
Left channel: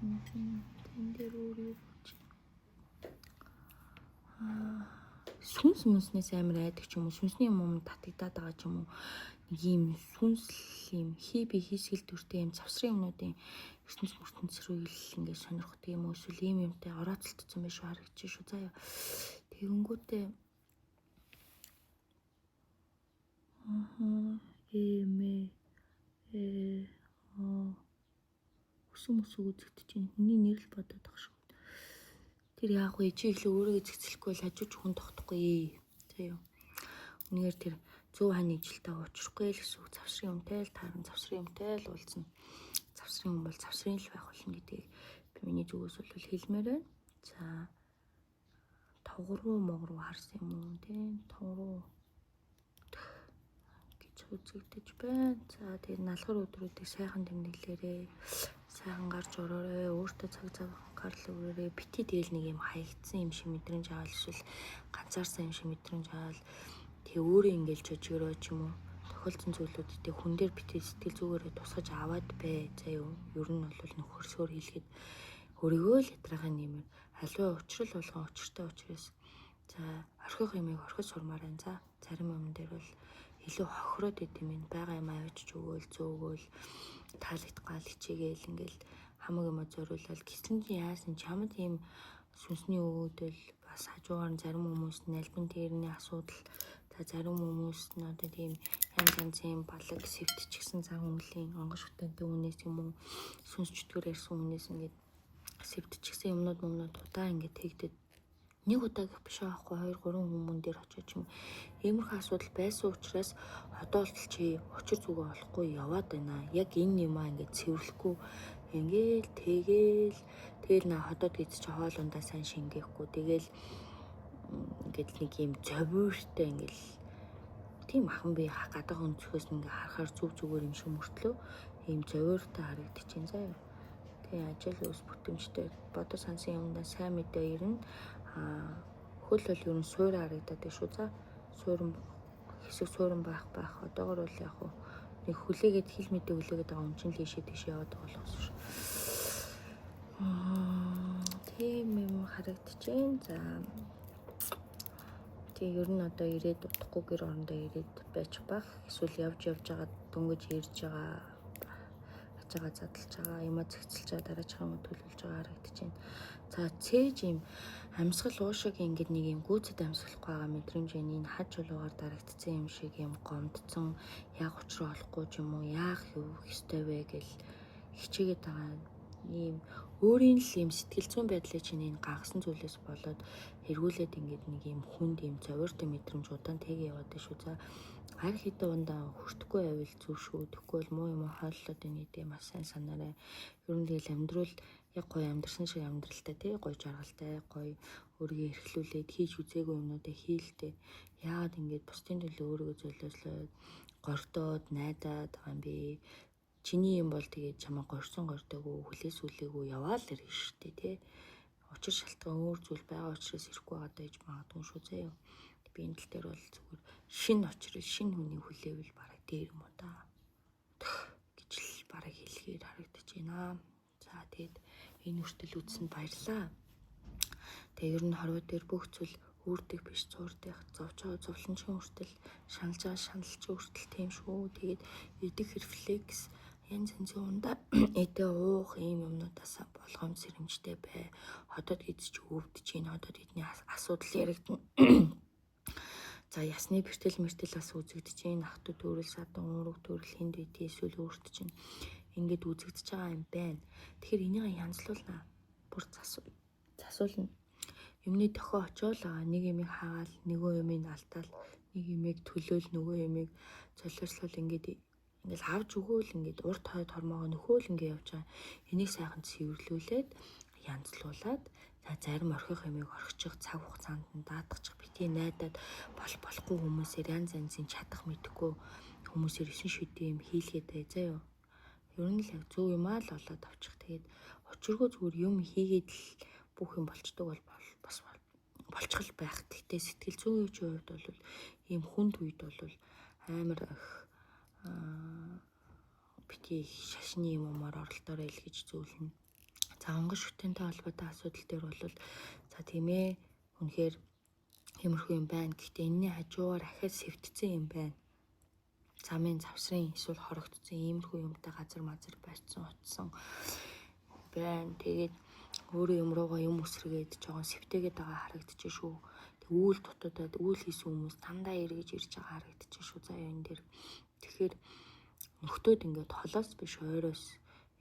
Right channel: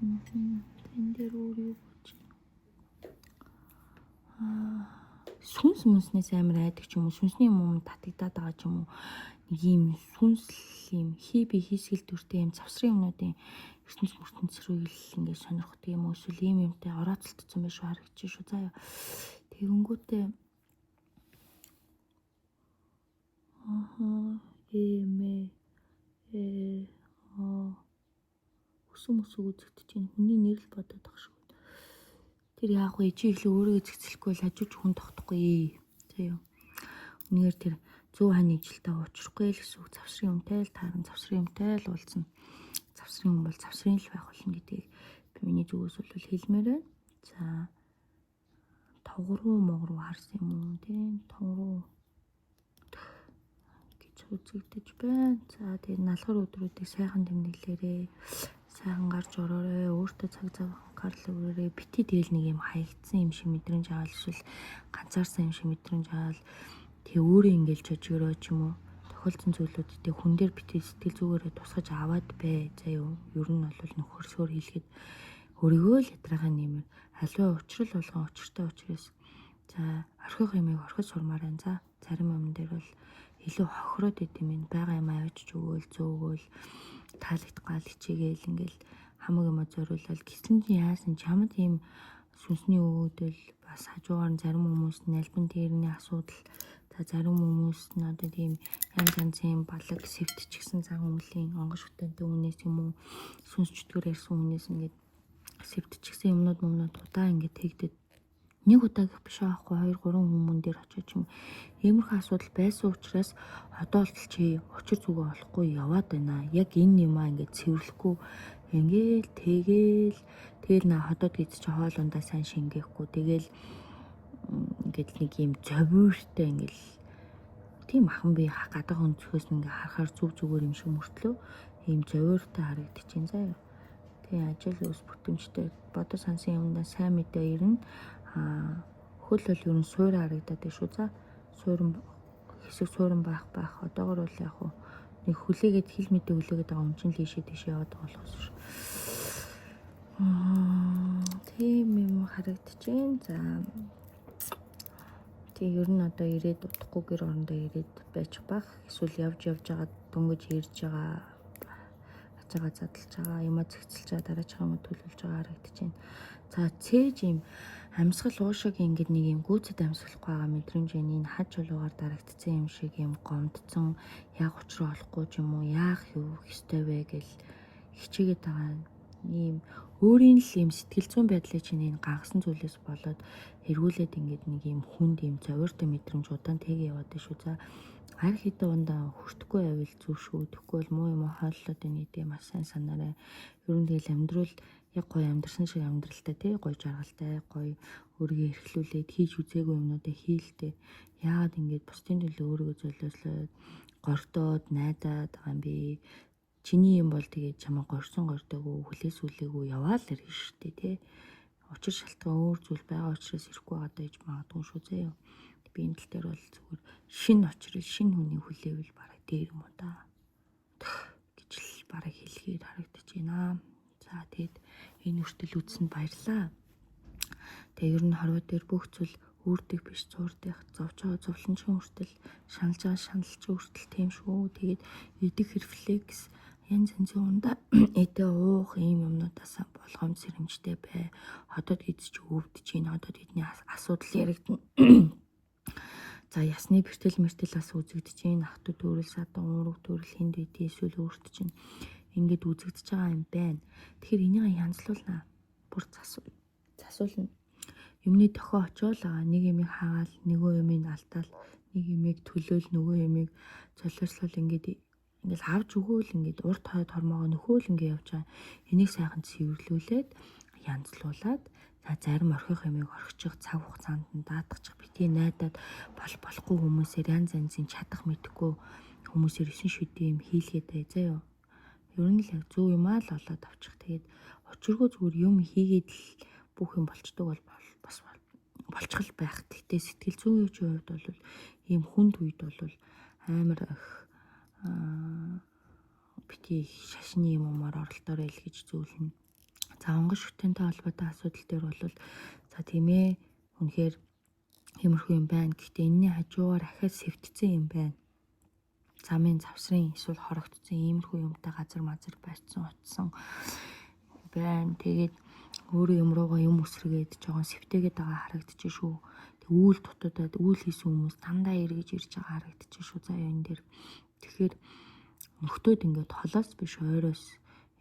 Тэн дээр өөр юу гэж. Сүнс мөснөөс амар айдаг ч юм уу, сүнсний юм татагдаад байгаа ч юм уу. Нэг юм сүнсл юм хиби хийсгэл дүртэй юм завсрын юмнуудын ертөнц рүү ингээд сонирхдаг юм уу, эсвэл ийм юмтай орооцолтсон байх шүү харагдчих шүү заа юу. Тэгэнгүүтээ өсөмөс үзэгдэж байна. Хүний нэр л бодоод байгаа шүү. Тэр яг уу чи ихлэ өөрөө зэгцэлэхгүй л хажууч хүн тогтохгүй. За юу. Үнээр тэр 100 хань жилтэй уучрахгүй л гэсэн үг. Завсрын юмтай л таарна, завсрын юмтай л уулзна. Завсрын юм бол завсрын л байх болно гэдгийг би миний зүгээс бол хэлмээр байна. За тогруу могруу харсан юм тийм тогруу гэж үзэгдэж байна. За тэгээд налгар өдрүүдийг сайхан тэмдэглээрээ. Сайхан гарч ороорой. Өөртөө цаг гарлаа өрөөрэй. Бити дээл нэг юм хаягдсан юм шиг мэдрэмж аваад эсвэл ганцаарсан юм шиг мэдрэмж аваад тэг өөрөө ингээл жижигрөө ч юм уу тохиолдсон зүйлүүдтэй хүн дээр бити сэтгэл зүгээрээ тусгаж аваад бай. За юу ер нь бол нөхөрсөөр хэлэхэд өөрийгөө л ятраага нэмэр аливаа учрал болгон учиртай учраас за орхих юмыг орхиж сурмаар байна. За зарим юм дээр бол илүү хохироод идэм юм байгаа юм авчиж өгөөл зөөгөөл таалагдгаал хичээгээл ингээл хамаг юм зориулал гисэн яасан чамд ийм сүнсний өвөдөл бас хажуугаар зарим хүмүүс нь альбан тэрний асуудал за зарим хүмүүс нь одоо тийм янз янзын балаг сэвтчихсэн цаг өмлийн онгош хөтөнтэй үнээс юм уу сүнс чөтгөр ярьсан үнээс ингээд сэвтчихсэн юмнууд удаа ингээд тэгдэд нэг удаа биш аахгүй 2 3 хүмүүн дээр очиж юм иймэрхүү асуудал байсан учраас одоо л чи очир зүгөө олохгүй яваад байна. Яг энэ юмаа ингээд цэвэрлэхгүй ингээл тэгэл на хотод гэж чи хоолундаа сайн шингээхгүй тэгэл ингээд нэг юм зовиортой ингээл тийм ахан би гадаг өнцгөөс ингээ харахаар зүгээр юм шиг мөртлөө ийм зовиортой харагдчихээн заа. Тэгээ ажил ус бүтэмжтэй бодо сансын юмдаа сайн мэдээ ирнэ. Хөл бол ер нь суур харагдаад байна шүү. За суурин хэсэг суурин байх одоогор бол яг хөө нэг хүлээгээд хил мэдээ хүлээгээд байгаа юм чинь л тийшээ яваад байгаа болохоос шүү. Тийм юм харагдчихээн. За тэгээ ер нь одоо ирээд удахгүй гэр орондоо ирээд байж баг эсвэл явж байгаа дөнгөж ирж байгаа хажаагаа задлж байгаа юм зэгцэлж байгаа дараачих юм төлөвлөж байгаа харагдчихээн. За цээж юм амьсгал уушаг ингээд нэг юм гүйцэд амьсгалахгүй байгаа мэдрэмж энэ хаж чулуугаар дарагдсан юм шиг юм гомдсон яг учраа олохгүй ч юм уу яах юу хэвтэй вэ гэл хичээгээд байгаа ийм өөрийн л юм сэтгэл зүйн байдлыг чинь энэ гагсан зүйлээс болоод эргүүлээд ингээд нэг юм хүнд юм зовиортой мэдрэмж удаан тэгээ яваад шүү. За хар хитэ ундаа хүртэхгүй байвал зүг шүү. Тэгэхгүй бол муу юм хааллаад энэ гэдэг маш сайн санаарай. Ер нь тэгэл амьдрал яг гоё амьдрсан шиг амьдралтай тий гоё жаргалтай гоё өөрийгөө эрхлүүлээд хийж үзээгүй юмнуудыг хийлдэ. Яагаад ингэж бусдын төлөө өөрийгөө золиослоод гортоод найдаад байгаа юм бэ? Чиний юм бол тэгээд чамаа горсон гортоогүй хүлээсүүлээгүй яваал ирэх штэ тий. Учир шалтгаан өөр зүйл байгаа учраас ирэхгүй байгаа дэж магадгүй шүү зөө. Би энэ тал дээр бол зүгээр шинэ очрол шинэ хүний хүлээвэл бараг дээр юм да гэж л бараг хэлгээд харагдаж байна. За тэгээд энэ үртэл үзсэнд баярлаа. Тэгээ ер нь хорвоо дээр бүх зүйл үрдэг биш зурдах зовлончгийн үртэл шаналж байгаа шаналчин үртэл тийм шүү. Тэгээд эдэг рефлекс янз янзын ундаа эдэ уух ийм юмнуудаас болгоом сэрэмжтэй бай. Хотод хийдэж өвдөж гин хотод эдний асуудал яригдана. За ясны бэртэл бас үзэгдэж гин ах トゥ төрөл садан уурга төрөл хинд үдий эсвэл өөртөж гин ингээд үзэгдэж байгаа юм байна. Тэгэхээр энийг янзлуулна. Бүр засуулна. Юмны тохио очиол байгаа нэг юмыг хаагаал нөгөө юмыг алтаал нэг юмыг төлөөл нөгөө юмыг золиослол ингээд авч өгөөл ингээд урт хойд хормогоо нөхөөл ингээд явж байгаа. Энийг сайхан цэвэрлүүлээд янзлуулад за зарим орхих юмыг орхичих цаг хугацаанд нь даатгачих битгий найдаад болохгүй хүмүүсээр янз янзын чадах мэдхгүй хүмүүсээр 9 шүдийн юм хийлгээд бай заа юу. Ер нь л зөв юм аа л олоод авчих. Тэгээд очиргүй зүгээр юм хийгээд л бүх юм болчдөг бол бас болчихл байх. Гэхдээ сэтгэл зүйн хувьд бол ийм хүнд үед бол амар их бити шашны юмар оролдоорой л гэж зөвлөнө. За онгоц шүтэнтэй холбоотой асуудал дээр бол за тийм ээ үнэхээр тиймэрхүү юм байна. Гэхдээ энэний хажуугаар ахиад сэвтцэн юм байна. Замын завсрын эсвэл хорогдсон иймэрхүү юмтай газар мазар байцсан утсан байна. Тэгээд өөрөө юм руугаа юм үсрэгээд жоохон сэвтэгээд байгаа харагдчих шүү. Үүл дутуудад үүл хийсэн хүмүүс дандаа эргэж ирж байгаа харагдчих шүү. За энэ дээр тэгэхээр нөхдөөд ингээд холоос биш ойроос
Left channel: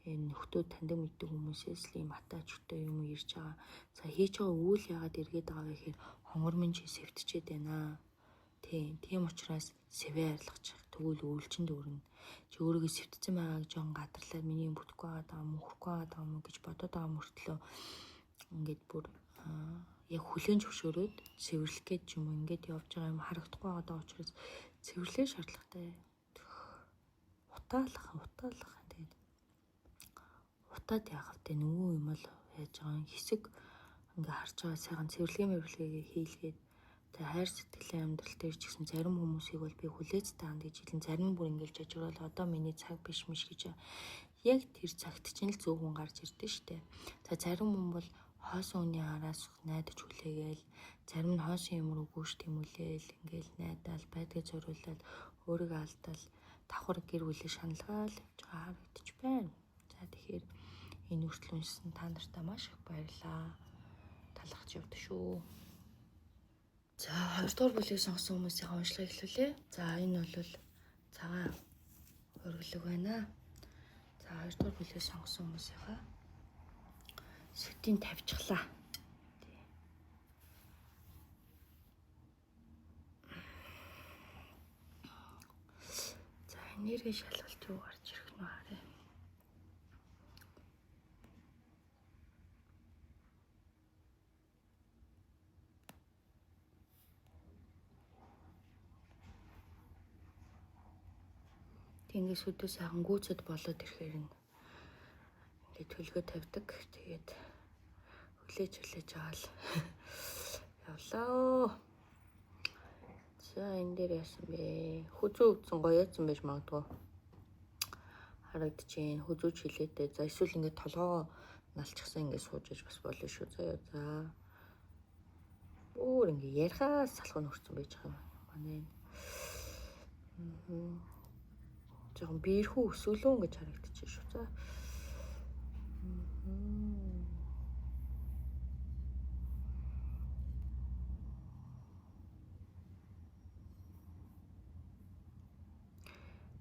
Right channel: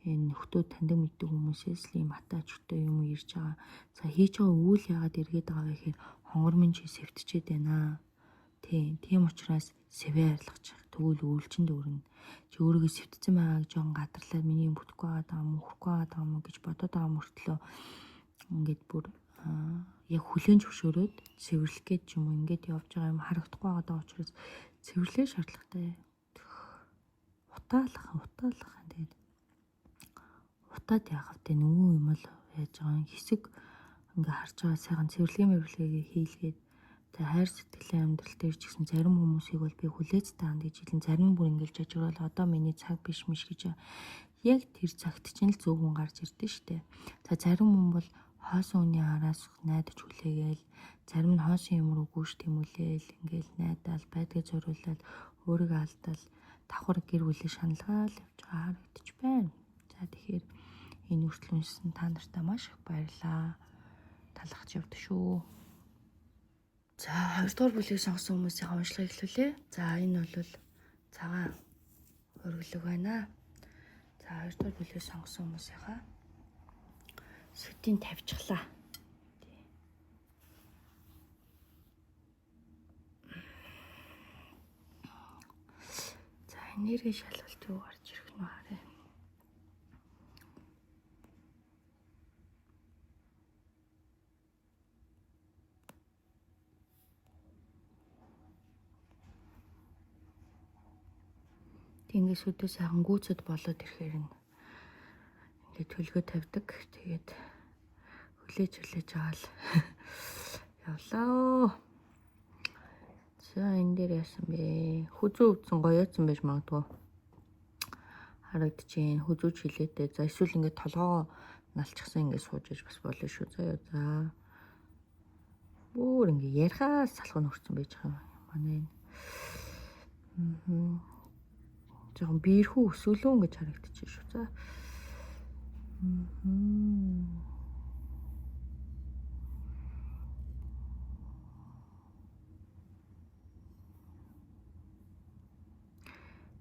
энэ нөхдөө таньдаг мэддэг хүмүүсээс л ийм атаачтай юм ирж байгаа. За хийж байгаа үйл яагаад эргээд байгаа вэ гэхээр хонгормын чи сэвтчихэд байна. Тийм учраас сэвэ арилгаж тэгвэл үйлчэнд өрнө. Чи өөрийгөө сэвтцэн байгаа гэж жоон гадарлаад миний юм бүтэхгүй байгаа юм хөрөхгүй байгаа юм гэж бодоод байгаа мөртлөө ингээд бүр яг хүлэн зөвшөөрөөд цэвэрлэх гэж юм ингээд явж байгаа юм харагдахгүй байгаа учраас цэвэрлэх шаардлагатай. Утаалах тэгээд утаад яах вэ? Нөгөө юм л яаж байгаа хэсэг ингээ харж байгаа сайхан цэвэрлэгээ хийлгээд хайр сэтгэлийн амьдрал дээр ч гэсэн зарим хүмүүсийг бол би хүлээж таана гэж хэлэн зарим бүр ингээл жажиграл одоо миний цаг биш миш гэж яг тэр цагт чинь л зөвгөн гарч ирдэ штэ. За зарим хүн бол хоосон үний араас найдаж хүлээгээл зарим нь хоосон юм руу гүйж тэмүүлээл ингээл найдаал байдгийг зориулаад өөрийгөө алдал давхар гэр бүлийн шаналгаал явж байгаа харагдаж байна. За тэгэхээр энэ үргэлжлүүлсэн та нартай маш их баярлалаа. Талархаж явд шүү. За 2 дугаар бүлгийг сонгосон хүмүүсийн уншлагыг эхлүүлээ. За энэ бол цагаан өргөлөг байна. За 2 дугаар бүлгийг сонгосон хүмүүсийнхаа сэвтийн тавьчихлаа. За энерги шалгалт юу гарч ирэх нь харъя. Тэнгис өдөө сайхан гүйцэд болоод ирэхээр нь ингээд төлгөө тавьдаг. Тэгээд хүлээж аваал явлаа. За энэ дээр яасан бэ? Хүзүү өвдсөн гоёодсан байж магадгүй. Харагдаж байна. Хүзүүж хилээдээ. За эсвэл ингээд толгоо налчихсан ингээд сууж иж бас болно шүү. За. Өөр ингээд ярихаас салхын хүрсэн байж байгаа юм. Манай жоохон биерхүү өсвөлөн гэж харагдаж байна шүү. За.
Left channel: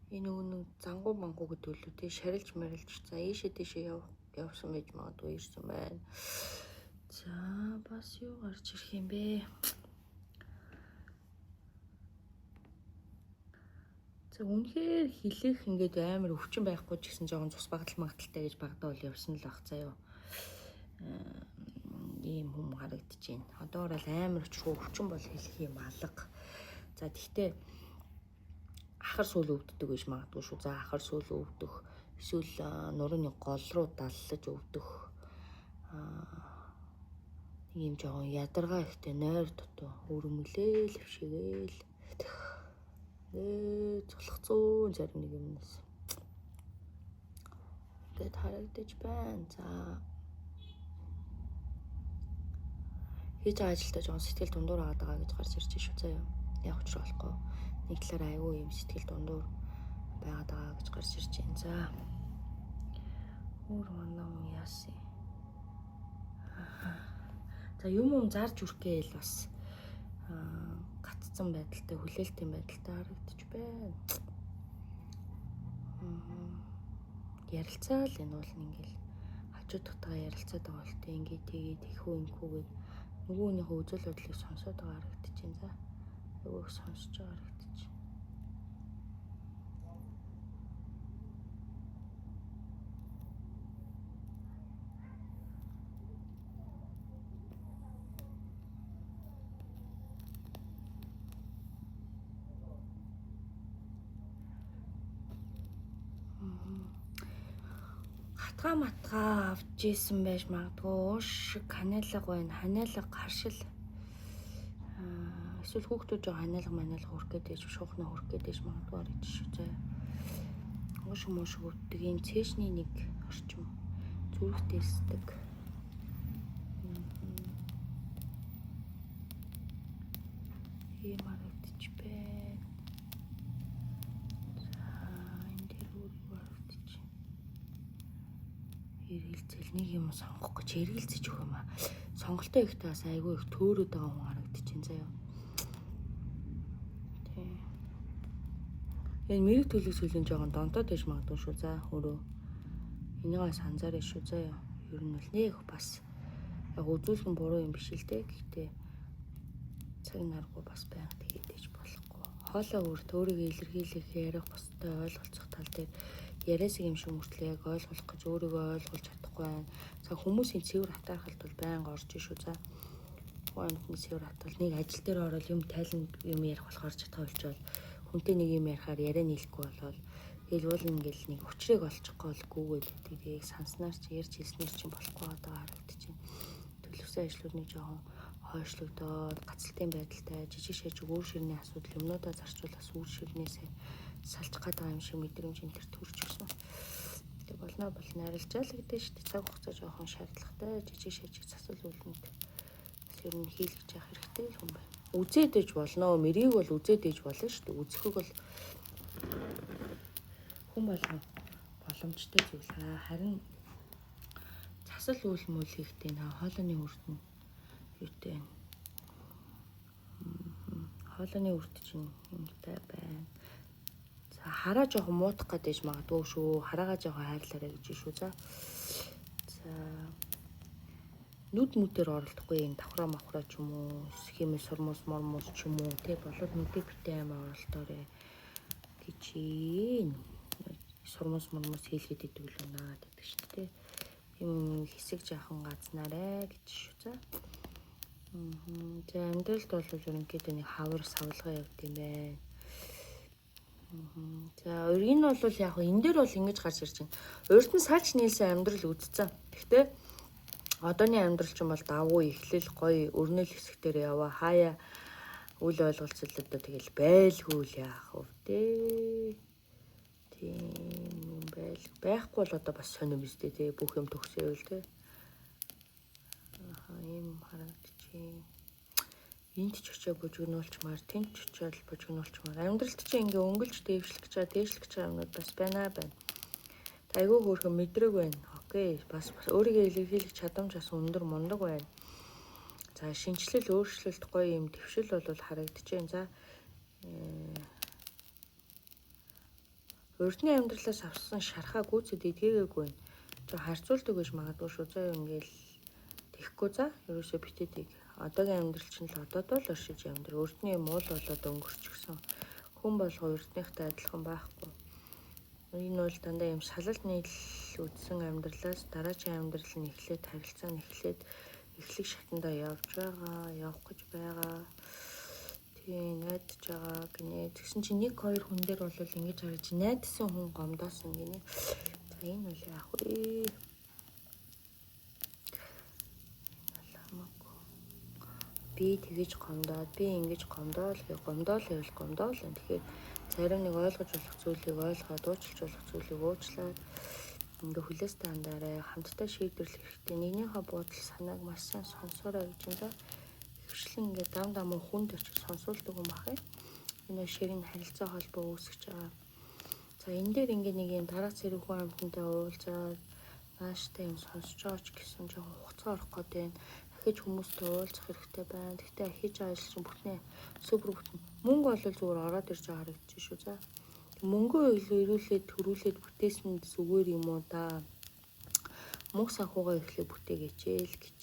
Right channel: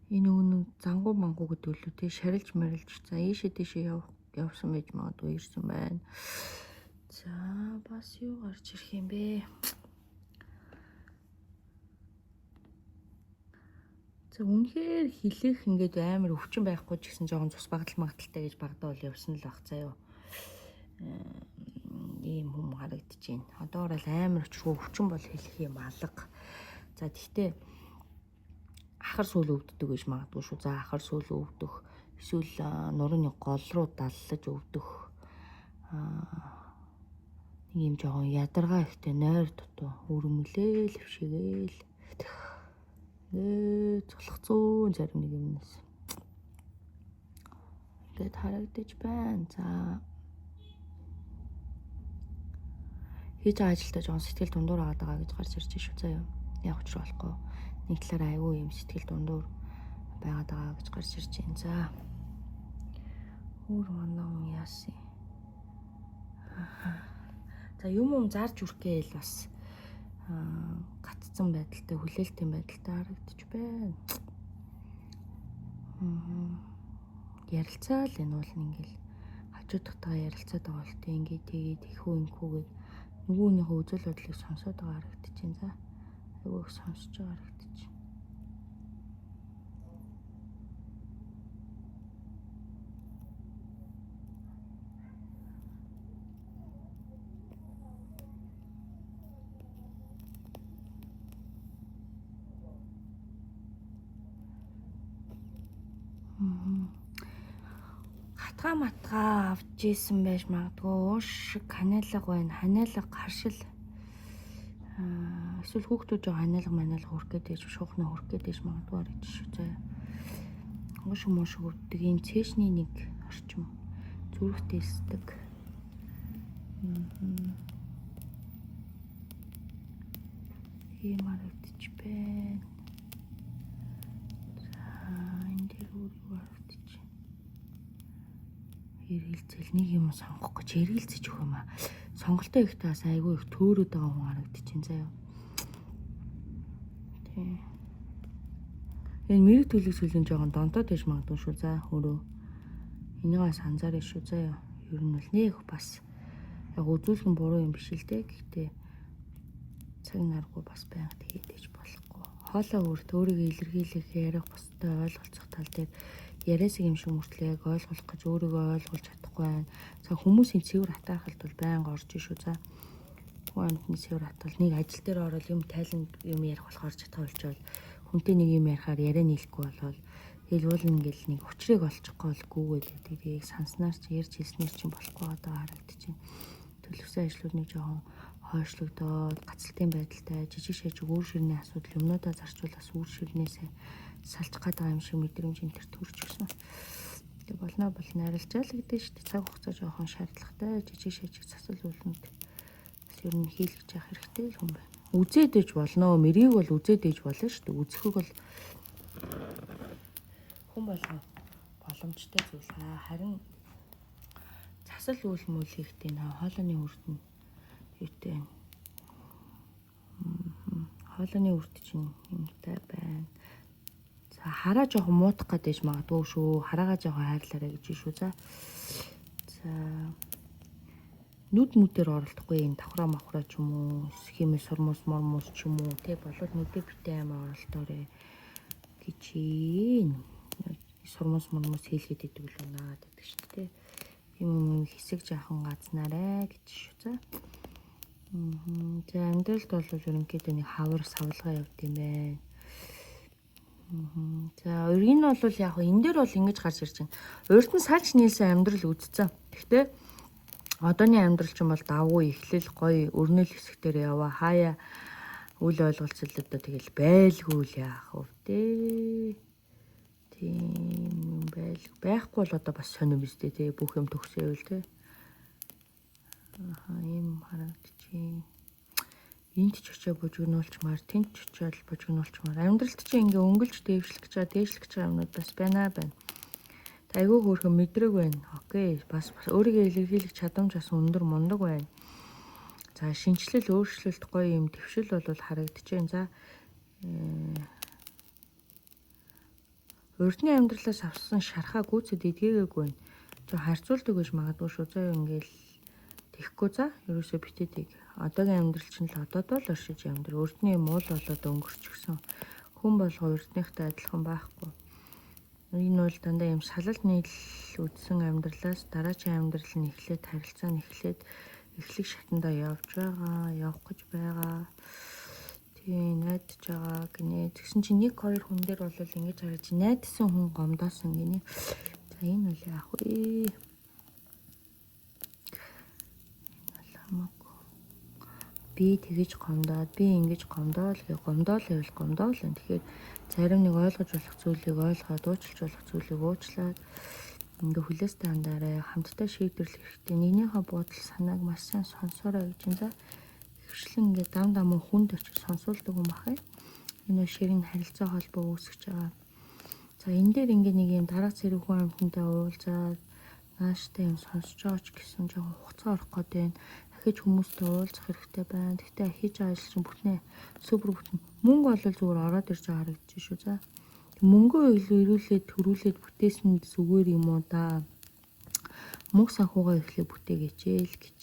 Энэ үнэн зангуу мангуу гэдэг үлээ тий шарилж марилж за ийшээ тийшээ явсан байж магадгүй ирсэн байна. За бас юу гарч ирэх юм бэ? За үнэхээр хэлэх ингээд амар өвчин байхгүй ч гэсэн жоохон цус багтал магталтай гэж багтаа бол явсан л баг заяа. Ийм хүм харагдаж байна. Одоо бол амар өвчин бол хэлэх юм алга. За тэгтээ ахар сүүл өвддөг гэж магадгүй шүү. За ахар сүүл өвдөх эсвэл нурууны гол руу даллаж өвдөх нэг юм жоохон ядаргаа ихтэй нойр дутуу өрөмлөөл хвшигээл цолхцоо зарим нэг юмнаас ингээд харагдаж байна. За хийж байгаа ажилдаа жоохон сэтгэл дундуур байгаа гэж гарч ирж шүү. Заяа яг учраа болохгүй нэг талаараа айгүй юм сэтгэл дундуур байгаад байгаа гэж гарч ирж байна. За өөр манай хүн яасан. За юм зарж үрэх гээл бас гаццсан байдалтай хүлээлтийн байдалтай харагдаж байна. Ярилцаал энэ бол ингээл хажуудтайгаа ярилцаад байгаа бол тээ ингээ тэгээд ихүү юмхүүгээд нөгөөнийхөө үзэл бодлыг сонсоод байгаа харагдаж байна. За юуг сонсож байгаа харагдаж байна. Матгаа авч ийсэн байж магадгүй уушиг ханиалга байна. Ханиалга харшил эсвэл хүүхдүүд жоо ханиалга хүрх гээд байж шуухнаа хүрх гээд байж магадгүй гэж шүү. Муш өгдөг ийм цээшний нэг орчим зүрх дэсдэг. Ийм харагдчих байна. Энд харагдчих. Эргэлзэл нэг юм сонгох гэж эргэлзэж өгөх юм аа. Сонголтоо ихтэй бас айгүй их төөрөд байгаа юм харагдчих заяа. Энэ мэрэг төлөвс хөлн жоохон донтоод байж магадгүй шүү за өөрөө. Энийг бас анзаарах шүү заяа. Ер нь бол нэг бас яг үзүүлэн буруу юм биш л дээ. Гэхдээ цаг наргүй бас байнга тэгээд ээж болохгүй. Хоолоо өөрт өөрийгөө илэрхийлэх ярих бусдад ойлголцох тал дээр яриасыг юм шиг мөртлөө яг ойлгох гэж өөрийгөө ойлгуулж чадахгүй байна. За хүмүүсийн цэвэр хатаархалд бол байнга орж ишүү за. Хүнний цэвэр хатгал нэг ажил дээр орол юм тайлан юм ярих болохоор чадхаа болчоод хүнтэй нэг юм ярихаар яриа нийлэхгүй болоод ил уулна ингээл нэг учрыг олчихгүй болгүй гэдэг санснаар ч ярьж хэлснээр ч болохгүй одоо харагдчихэв. Төлөвсөн ажлууд нэг жоохон хойшлогдоод гацалтын байдалтай жижиг шиж үр ширний асуудал юмнуудаа зарцуулахс үр ширнээсээ салж байгаа юм шиг мэдрэмж энэ төр төрж өгсөн. Тэг болно арилжаал гэдэг шүү дээ. Цаг хугацаа жоохон шаардлагатай жижиг шижиг засал үйлнүүд бас ер нь хийлгэж явах хэрэгтэй л юм байна. Үзээд ээж болно. Мэрийг бол үзээд ээж болно шүү дээ. Үзэхийг бол хүн болгоо боломжтой зүйл. Харин засал үйл мөлийхтэй хоолойны үрдэн юутэй хоолойны үрд чинь юмтай байна. За хараа жоохон муудах гэдэг магадгүй шүү. Хараагаа жоохон хайрлаарай гэж шүү. За нүд мүдээр оролдохгүй юм давхраа махраа ч юм уу химээ сурмус мормус ч юм уу тэг болоод нүдээ битээ ам оролдоорой гэж сурмус мормус хийлгээд идэг л унаа гэдэг шүү дээ. Юм хэсэг жаахан газнаарай гэж шүү. За. За амьдралд бол ерөнхийдөө нэг хавар савлгаа явд юм байна. За энэ бол яг энэ дээр бол ингэж гарч ирж байна. Урд нь салж нийлсэн амьдрал үдцсэн. Гэхдээ одооний амьдрал ч юм бол давгүй эхлэл гоё өрнөл хэсэгтэр яваа хаяа үл ойлголцолтой тэгэл байлгүй л яах вэ дээ. Тийм байхгүй бол одоо бас сонирм биз дээ тий бүх юм төгсөөл тий. Ийм харагдчих. Энд ч очиж божигнуулчмаар тэнд ч очиж божигнуулчмаар амьдралд чи ингээ өнгөлж дээвшлэх гэж байгаа юмнууд бас байна. Айгүй хөөрхөн мэдрэг байна. Окей. Бас өөрийгөө илэрхийлэх чадамж бас өндөр мундаг байна. За шинжлэл өөрчлөлт гоё юм төвшил бол харагдаж байна. За урдны амьдралаас авсан шархаа гүйцэд эдгээгээгүй. Одоо харьцуулдаг гэж магадгүй шүү. За ингээл тэхгүй за ерөөсөө битэдэг. Одоогийн амьдрал чинь л одоод л оршиж амьдрал. Урдны муул болоод өнгөрчихсөн. Хүн болгоо урдныхтай адилхан байхгүй. Энэ бол дандаа юм салал нийл үдсэн амьдралаас дараагийн амьдрал нь эхлээд харилцаа нь эхлээд эхлэх шатандаа явж байгаа, явах гэж байгаа. Тийм найдаж байгаа гинэ. Тэгсэн чинь нэг хоёр хүн дээр бол ингэж хараж найдсан хүн гомдоосон гинэ. За энэ бол яах вэ? Би тэгэж гомдоод, би ингэж гомдоол гомдоол. Тэгэхээр зарим нэг ойлгож болох зүйлийг ойлгоод, уучлж болох зүйлийг уучлаад ингээ хүлээс дандаараа хамтдаа шийдвэрлэх хэрэгтэй. Нэгнийхээ бодол санааг маш сайн сонсоорой гэж юм да. Хвшлэн ингээ дам хүнд очиж сонсуулдаг юм бахай. Энэ ширийн харилцаа холбоо үүсгэж байгаа. За энэ дээр ингээ нэг юм дараах зэрэг хүн амьтантай уулзаад нааштай юм сонсож байгаа ч гэсэн жоохон хугацаа орох гэдэг нь дахиж хүмүүстэй уулзах хэрэгтэй байна. Гэхдээ хийж байгаа ажил чинь бүтнээ супер бүтэн. Мөнгө бол зүгээр ороод ирж байгаа харагдаж шүү. За мөнгөө ирүүлээд төрүүлээд бүтээсэн зүгээр юм уу да. Мөнгө санхугаа эхлээ бүтээгээч л гэж.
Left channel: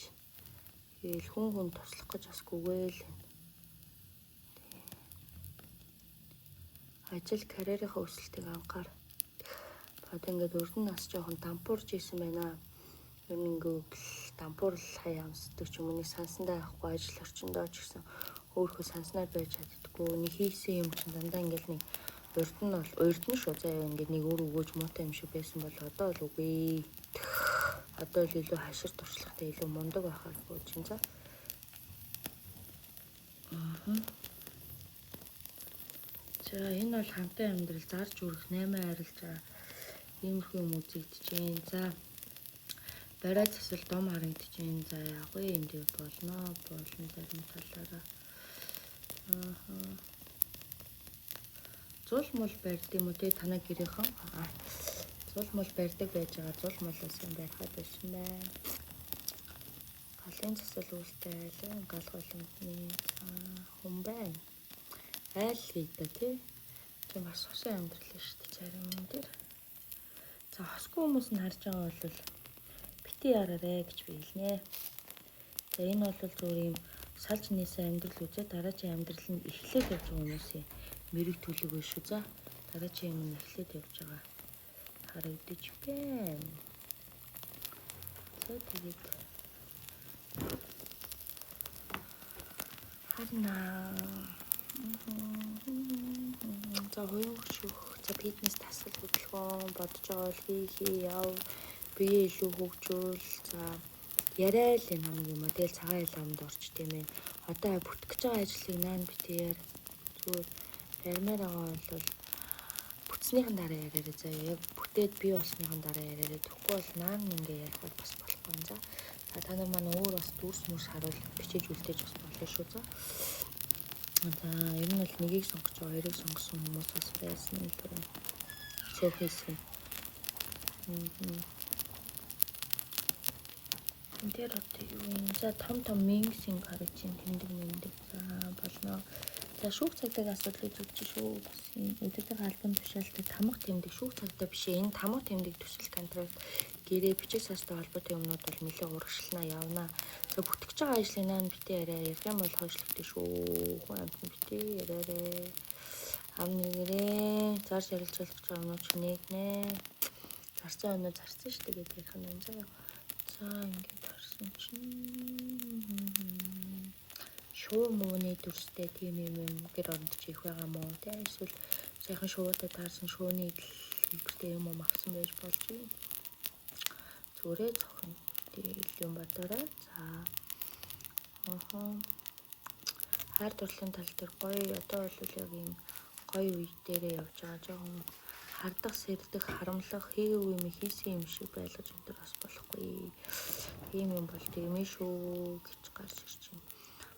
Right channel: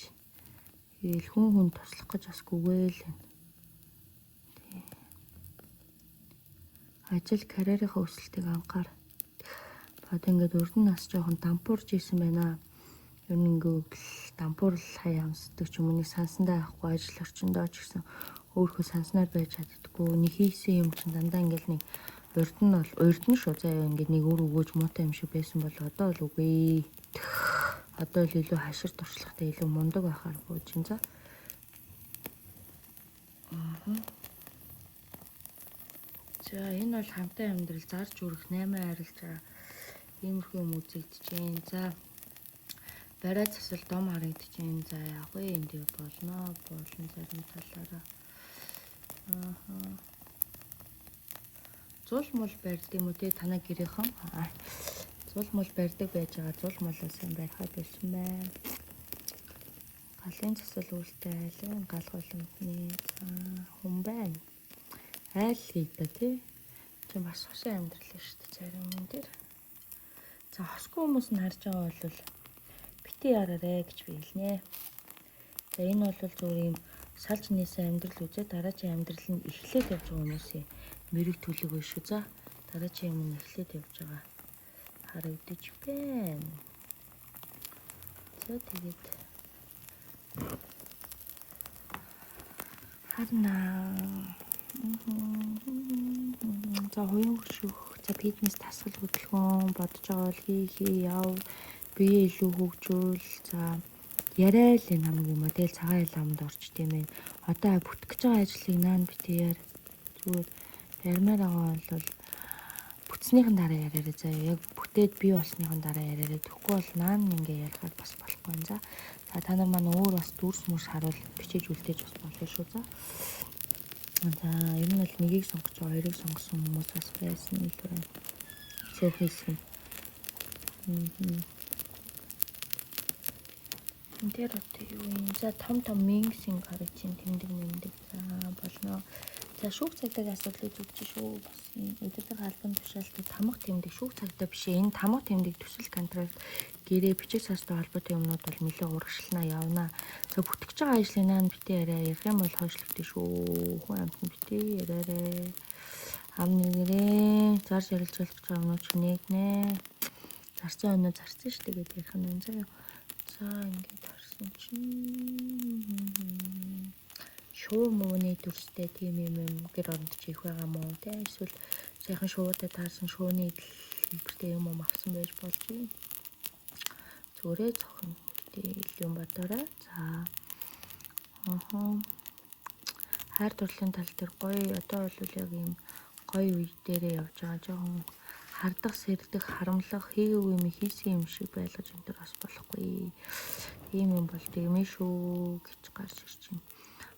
Ил хүн туслах гэж бас гүгээл. Ажил карьерийнхаа өсөлтийг анхаар. Одоо ингээд өрдөн нас жоохон дампуурж исэн байна. Ер нь ингээд дампуурл хаяа амсдаг ч юм уу нэг сансандаа авахгүй ажил орчиндоо ч гэсэн өөрөө санснаар байж чаддаггүй. Нэг хийсэн юм чинь дандаа ингээд нэг урдн шүү. За ингээд нэг өөр өгөөж муутай юм шиг байсан бол одоо л үгүй. Одоо л илүү хашир туршлагатай илүү мундаг байхаар чинь за. За энэ бол хамтын амьдрал зарж үрэх 8 арилж байгаа иймэрхүү юм үзэгдэж байна. За барай засал дом харагдаж байна. За яг уу энд болно зарим талаараа. Зул мул барьд юм уу те танай гэрийнхэн? Зул мул барьдаг байж байгаа. Зул мул сан байхад бишнэ. Галын засал үлтэй айлын гал боломжны хүн байна. Айл хийдэ тий. Тийм бас хошин амьдрал шүү дээ зарим юм дээр. За хосгүй хүмүүс нь харж байгаа бол бити яраарэ гэж биелнэ. За энэ бол зөвхөн юм салж нээсэн амьдрал үзээ дараачийн амьдрал нь эхлээд явж байгаа хүмүүсийн мэрэг төлөв биш үү. За дараачийн юм эхлээд явж байгаа харагдаж байна. За тэгээд харна. За хоёрын шүү. За фитнес тасал хөдөлгөөн бодож байгаа бол хий яв би илүү хөгжүүл. За яриа л юм юм. Тэгэл цагаан ламд орч тийм ээ. Одоо бүтгэж байгаа ажлыг наан бити яар. Зүгээр ярмаар байгаа бол бүтснийхэн дараа яриараа. За яг бүтээд би болсныхан дараа яриараа. Тэгэхгүй бол наан ингээ ярихад бас болохгүй юм. За та нар маань өөр бас дүрс мөрс харуул бичиж үлдээж бас болно шүү. За ер нь бол нэгийг сонгож байгаа, хоёрыг сонгосон хүмүүс бас байсан л байна. Зэвхэсэн. Тэр үгүй за том мингсийн гараж ин тэмдэг за болно. За шүүх цагтыг асуудлыг зөвч шүү. Өдөртөг албан тушаалтыг тамга тэмдэг шүүх цагтаа биш. Энэ тамга тэмдэг төсөл контракт гэрээ бичиг састай холбоотой юмнууд бол нэлээд урагшлнаа явна. За бүтгэж байгаа ажлын наан битээ яриа ярих юм бол хойшлогдсон шүү. Хүн амтан битээ яриарэ. Амнэрээ зарж ярилж болох юмнууд ч нэгнэ. Зарцсан юмнууд зарцсан шүү дээ гэдэг юм байна. За ингээд харсан чинь шуу мууны дүрстэй тийм юм гэр оронд ч их байгаа мó те эсвэл сайхан шуудаа таарсан шууны хэлбэртэй юм авсан байж болж байна. Зүрээ зохон юм бодорой. За хайр дурлалын тал дээр гоё одоо бол яг юм гоё үе дээрээ явж байгаа жоохон хардах сэрдэх харамлах хийгээгүй юм хийсэн юм шиг байлгаж өндөр бас болохгүй. Ийм юм бол тийм ээ шүү гэж гарч ирж байна.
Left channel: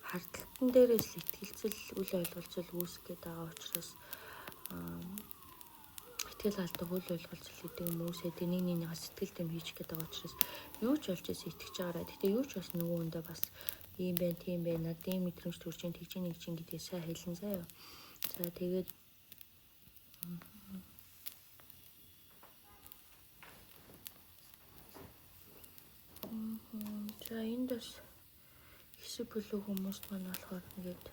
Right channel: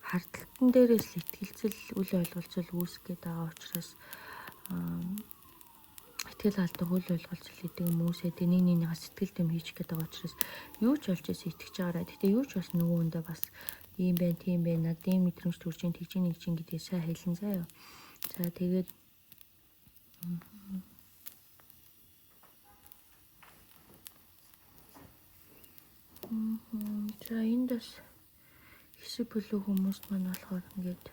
Хардталтан дээрээс л ихтгэлцэл үл ойлголцол үүсгэх гээд байгаа учраас итгэл алдаг үл ойлголцол гэдэг хүмүүсээ нэг сэтгэл төм хийж гээд байгаа учраас юу ч болж итгэж байгаарай. Гэтэ юу ч бас нөгөөндөө бас ийм байна, тийм байна, над ийм мэдрэмж төрж ин тэгж нэг чинь гэдгийг сайн хэлэн заяа. За тэгээд за энд бас хэсэг бүлэг хүмүүст маань болохоор ингээд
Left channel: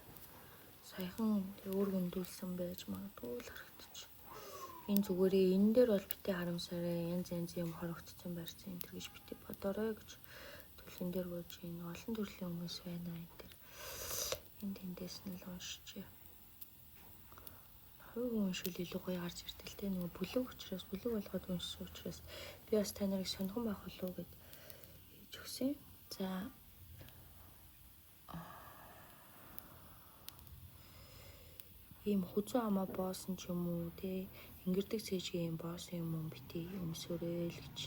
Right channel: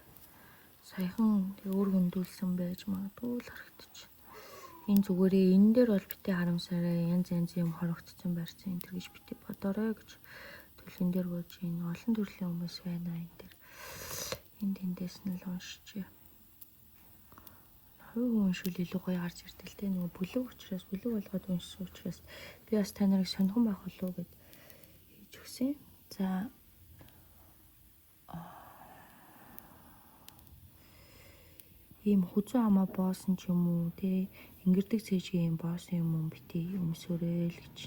саяхан өөр хөндөөлсөн байж магадгүй л харагдчих. Энэ зүгээрээ энэ дээр бол битээ харамсаарай янз юм хорогдсон барьсан энэ гэж битээ бодорой гэж төлөвөн дээр бууж энэ олон төрлийн хүмүүс байна энэ дээр энд эндээс нь л уншчихъя. Уншвал илүү гоё гарч ирдэг л те нэг бүлэг учраас бүлэг болгоод уншсан учраас би бас та нарыг сонирхон байх болов уу гэж хийж өгсөн. За ийм хүзэн амаа боосон ч юм уу те ингэрдэг цэжгийн юм боосон юм бити өмсөөрэй л гэж.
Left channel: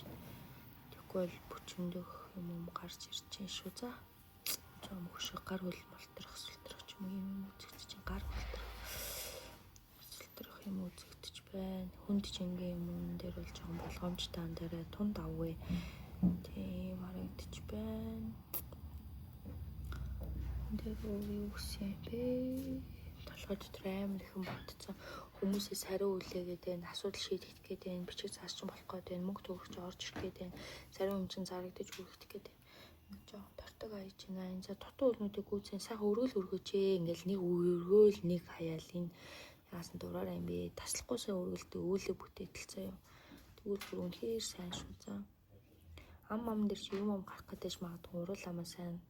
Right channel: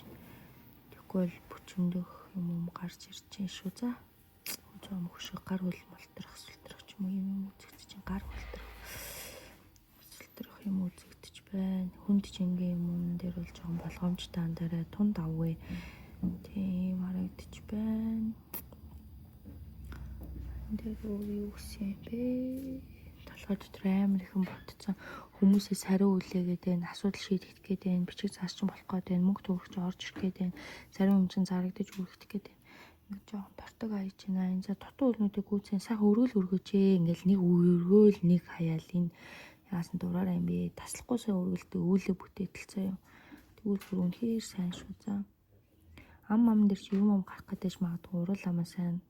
Тэгэхгүй л бүчэндөх юм гарч ирж чинь шүү. За жоохон хөшөө гар хөл болторох сүлтрэх ч юм үзэгдэж чинь гар болторох сүлтрэх юм үзэгдэж байна. Хүнд чингийн юм дээр бол жоохон болгоомжтой андараа тунд авъя. Тийм харагдаж байна. Энд юу гэсэн бэ? Дотор амар ихэн ботцсон хүмүүсээс хариу үлээгээд байна, асуудал шийдэх гээд байна, бичиг заасчин болох гээд байна, мөнгө төгрөгч орж ирэх гээд байна, зарим юм чинь зарагдаж үлдэх гээд байна. Ингээд жоохон тортог аяж байна. Энэ за дутуу өрнүүдийг гүйцэн сайхан өргөж ингээл нэг өргөөл нэг хаяал энэ яасан дураараа юм бэ? Таслахгүйсээ өргөлдөг үүлэг бүтээтэл заяа. Тэгвэл үнэхээр сайн шүү. За ам дээр чи юм гарах гэдэг ч магадгүй урал амаа сайн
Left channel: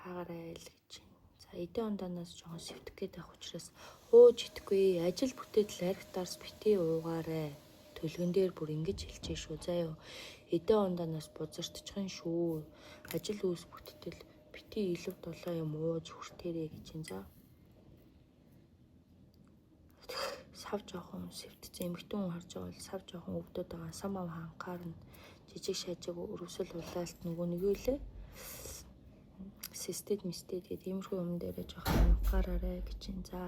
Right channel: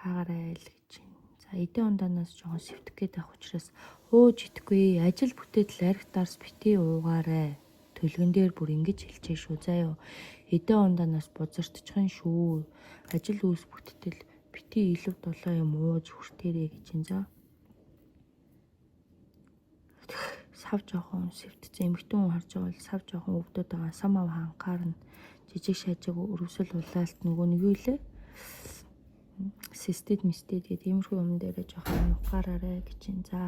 хаагаарай л гэж байна. Эдийн ондаанаас жоохон сэвтэх гээд авах учраас өөж итгэхгүй ажил бүтээтэл архитарс бити уугаарай. Төлгөн дээр бүр ингэж хэлчихэ шүү заяа. Эдийн ондаанаас бузардчихын шүү. Ажил үүс бүттэл бити илв дулаа юм ууж хүртээрэй гэж энэ за. сав жоохон сэвтцэн эмэгтэй хүн харж байгаа бол сав жоохон өвдөд байгаа самав анхаарна жижиг шажиг өрөвсөл улаалт нөгөө нэг юу лээ систед мистед гэдэг иймэрхүү юм дээрээ жоохон анхаараарай гэж юм. За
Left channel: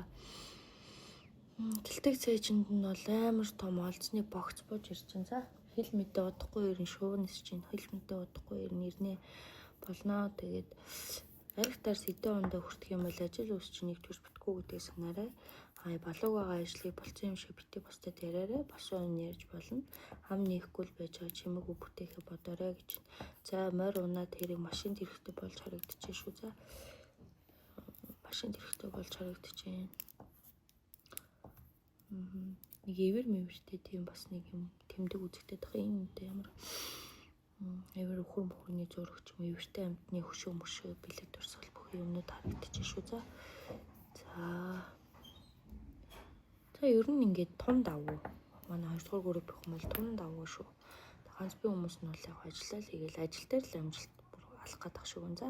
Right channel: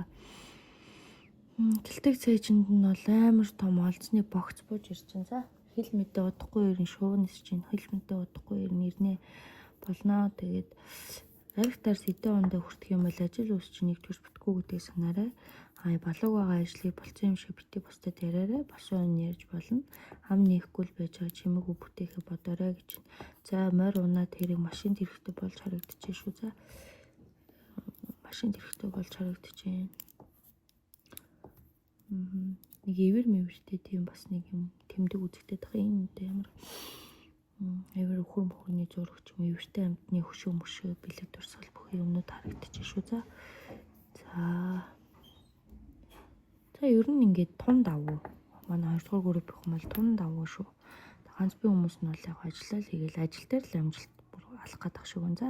тэлдэг цээжинд нь бол амар том олзны богц бууж ирж байна. За хил мэдээ удахгүй ирэн шуунис чинь хил мэдээ удахгүй ирэн ирнэ болно. Тэгээд аригтаар сэдэн ондоо хүртэх юм бол ажил үс чинь нэгдүгээр битгүү гэдгийг санаарай. Балууг байгаа ажлыг болцсон юм шиг битээ бусдад яриарай. Босоо ярьж болно. Хам нээхгүй л байж байгаа чимээгүй бүтээхийг бодоорой гэж. За морь унаад тэрийг машинд хэрэгтэй болж харагдчихэ шүү. За машинд хэрэгтэй болж харагдчихэ. Нэг ивэр мэвэртэй тийм бас нэг юм тэмдэг үзэгдээд байгаа юм үү амар эвэр өхөр мөхөрний зурагч юм эвэртэй амтны хөшөө мөшөө бэлэг дурсгал бүх юмнууд харагдчихэ шүү. За ер нь ингээд тун давуу. Манай 2 дугаар групп их мал тун давуу шүү. Ганц би хүмүүс нь бол яг ажиллаа л хийгээл ажил дээр л амжилт алах гэдэг шүү гэн. За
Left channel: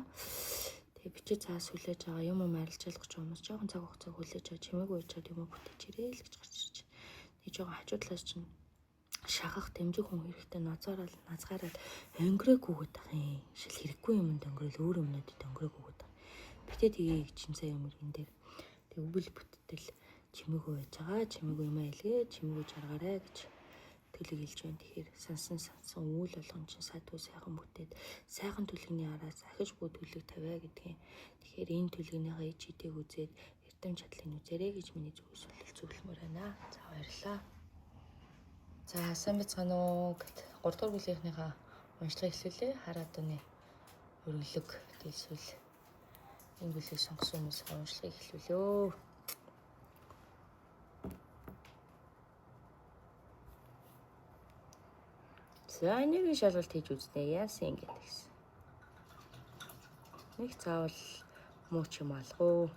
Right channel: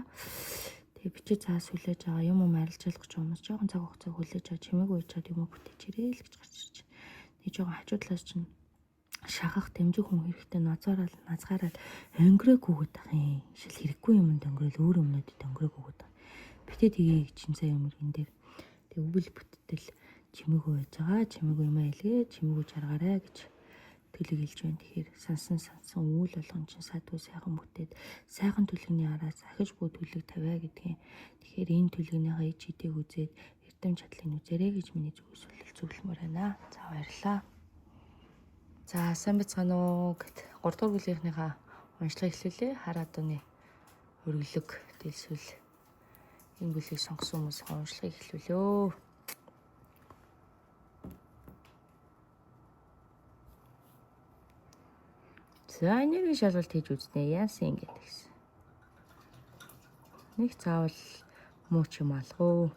тэгээ бичиж цаас хүлээж байгаа юм арилж ялгах гэж хүмүүс жоохон цаг хугацаа хүлээж байгаа чимээгүй уучаад юм бүтээж ирээ л гэж гарч ирж байна. Нэг жоохон хажуудлаас чинь шахах дэмжих хүн хэрэгтэй назгаараад өнгөрөөгүйгээд байгаа юм. Шил хэрэггүй юмд өнгөрөөл өөр юмнуудад өнгөрөөгүйгээд байгаа. Битээ тгий чимсаа юмрын дээр тэг өвөл бүттэл чимээгүй байж байгаа. Чимээгүй юм айлгээ чимээгүй жаргаарай гэж төлөг хэлж байна. Тэгэхээр сансан үйл болгон чинь садгүй сайхан бүтээд сайхан төлөвний араас ахиж бүү төлөг тавиа гэдгийг. Тэгэхээр энэ төлөвнийгаа ичээдэг үзээд эрдэм чадлыг үзээрэй гэж миний зөвлөмөр байна. За баярлалаа. За сайн бацгаана уу гэд 3 дугаар бүлгийнхнийхаа уншлагыг эхлүүлээ. Хараад өнөө өргөлөг дэлсүүл энэ бүлгийг сонгосон хүмүүсийн уншлагыг эхлүүлээ. За энерги шалгалт хийж үзнэ. Яасан ингэ гэсэн. Нэг заавал муу ч юм алгуу.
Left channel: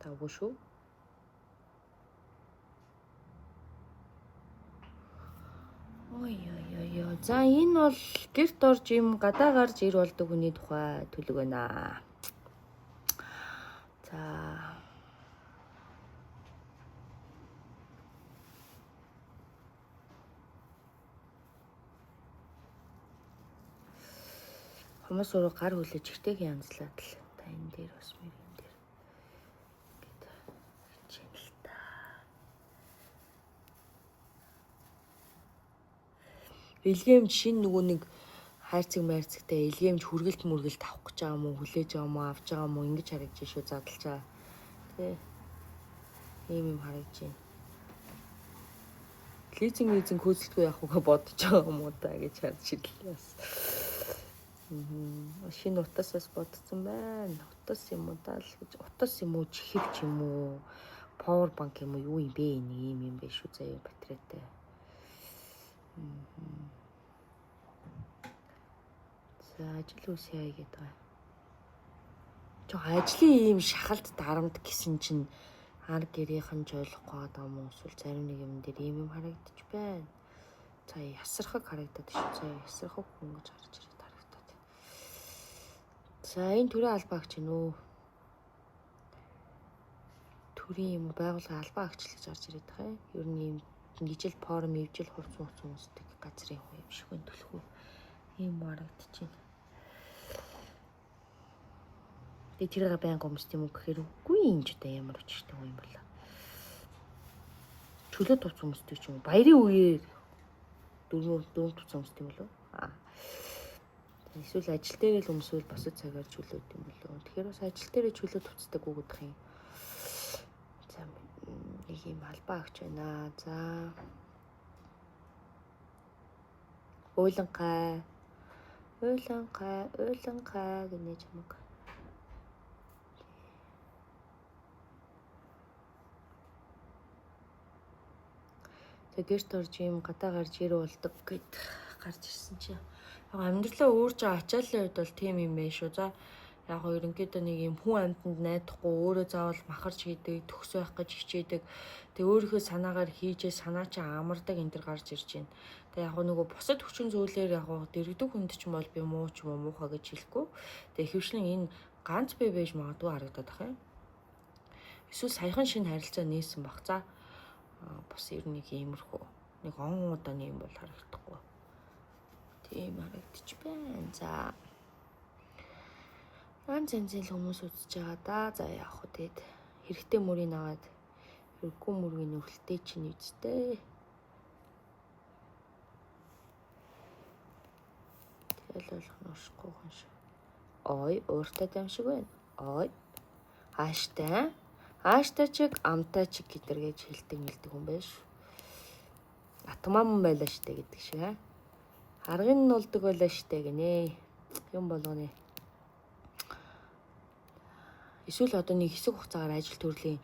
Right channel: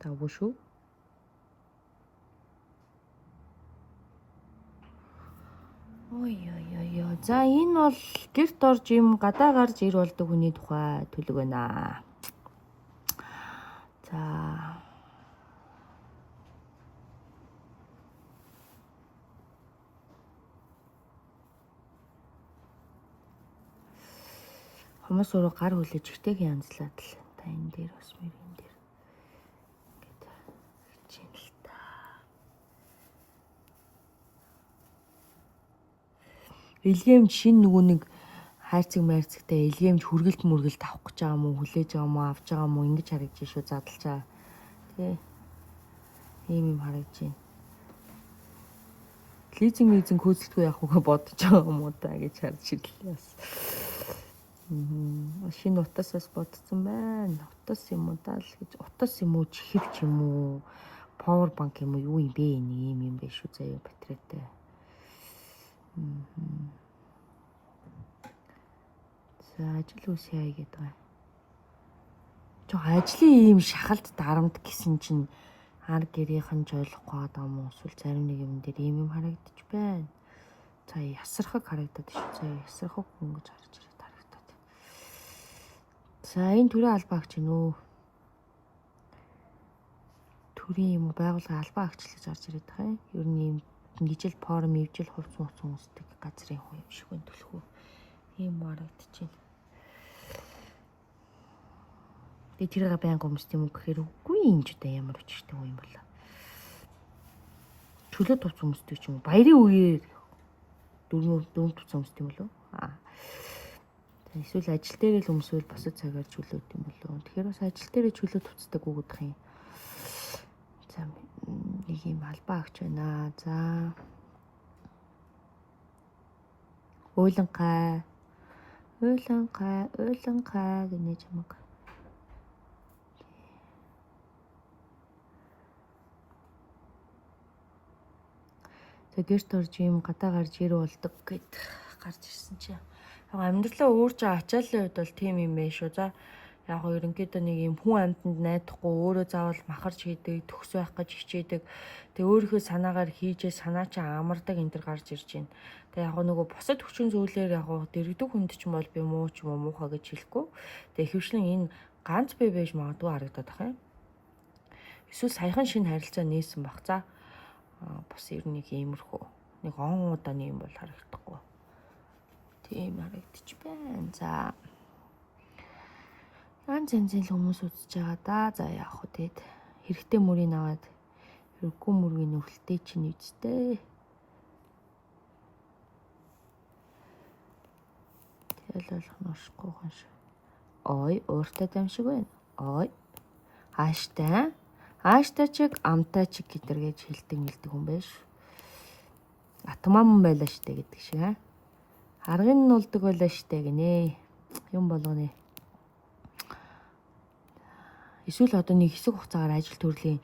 Таггүй шүү. Ой. За энэ бол гэрт орж юм гадаа гарч ир болдог хүний тухай төлөв байна. За хүмүүс өөрөө гар хүлээж ихтэйг янзлаад л та энэ дээр бас мэрийн дээр ингээд хичээл та. Илгээмж шин нөгөө нэг хайрцаг майрцагтай илгээмж хүргэлт мөргөлт авах гэж байгаа мó хүлээж байгаа мó авч байгаа мó ингэж харагдаж шүү задлж байгаа. Тэ. Ийм харагдаж байна. Лизинг хөөцөлтгүй явах уу бодож байгаа юм уу та гэж харж ирлээ бас. Шинэ утасаас бодсон байна. Утас юм уу даа л гэж. Утас юм уу чихвч юм уу? Power bank юм уу? Юу юм бэ? Ийм юм биш үү заяа батарейтай. За ажил үс яа гэдэг байгаа. Жоо ажлын ийм шахалт дарамт гэсэн чинь ар гэрийнхэн жойлох гээд юм уу? Эсвэл зарим нэг юм дээр ийм юм харагдаж байна. За ясархаг харагдаад шүү. За ясархаг хүн гэж харж ирээд. За энэ төрийн албаагч нөө төрийн юм байгууллага албаа агч гэж гарч ирээд байгаа юм. Ер нь юм нэгжил форум ивжил хувц хүмүүсдэг газрын хүн юм шиг төлхөө ийм харагдаж байна. Тэгээ тэрийг байнга өмсд юм гэхээр үгүй юм ч удаа ямар өчтэй юм бол. Чөлөө туц өмсдөг ч юм. Баярын үеэр дөрөв туц өмсдөг юм лөө. Эсвэл ажил дээр л өмсвөл босод цагаар чөлөөд юм болов. Тэгэхээр бас ажил дээр чөлөө туцдаг үгдэх юм. За нэг юм албаа агч байна. За уйланхай гинэ чамаг. Тэгэрт орж юм гадаа гарч ир болдог гэд гарч ирсэн чинь амьдралаа уурж ачаалын үед бол тийм юм ээ шүү. За яг гоо ерөнхийдөө нэг юм хүн амьтанд найдахгүй өөрөө заавал махарч хийдэг, төгс байх гэж хичээдэг. Тэгээ өөрийнхөө санаагаар хийжээ санаа чи амардаг энэ төр гарч ирж байна. Тэгээ яг нөгөө бусад хүчин зүйлээр яг дэрэгдэг хүнд ч юм бол би муу ч юм уу муухай гэж хэлэхгүй. Тэгээ ихэвчлэн энэ ганц бай байж магадгүй харагдаад байгаа юм. Эсвэл саяхан шинэ харилцаа нээсэн баг. За бас ер нь нэг иймэрхүү. Нэг он удааны юм бол харагдахгүй. Тийм харагдчих байна. За янз хүмүүс үзэж байгаа да. За яах вэ тэгэд хэрэгтэй мөрийг аваад хэрэггүй мөргийг нөхөлтэй чинь үсттэй. Тэгэл болох нь ушгүй хонш. Ой, өөртөө дамжиг байна. Ой. Ааштай чиг амтай чиг гэдэргээж хэлдэг мэлдэг юм байна ш. Атмааман байлаа штэ гэдэг шиг аа. Аргын нь улдаг байлаа штэ гинэ. Юм болгоно. Эсвэл одоо нэг хэсэг хугацаагаар ажил төрлийн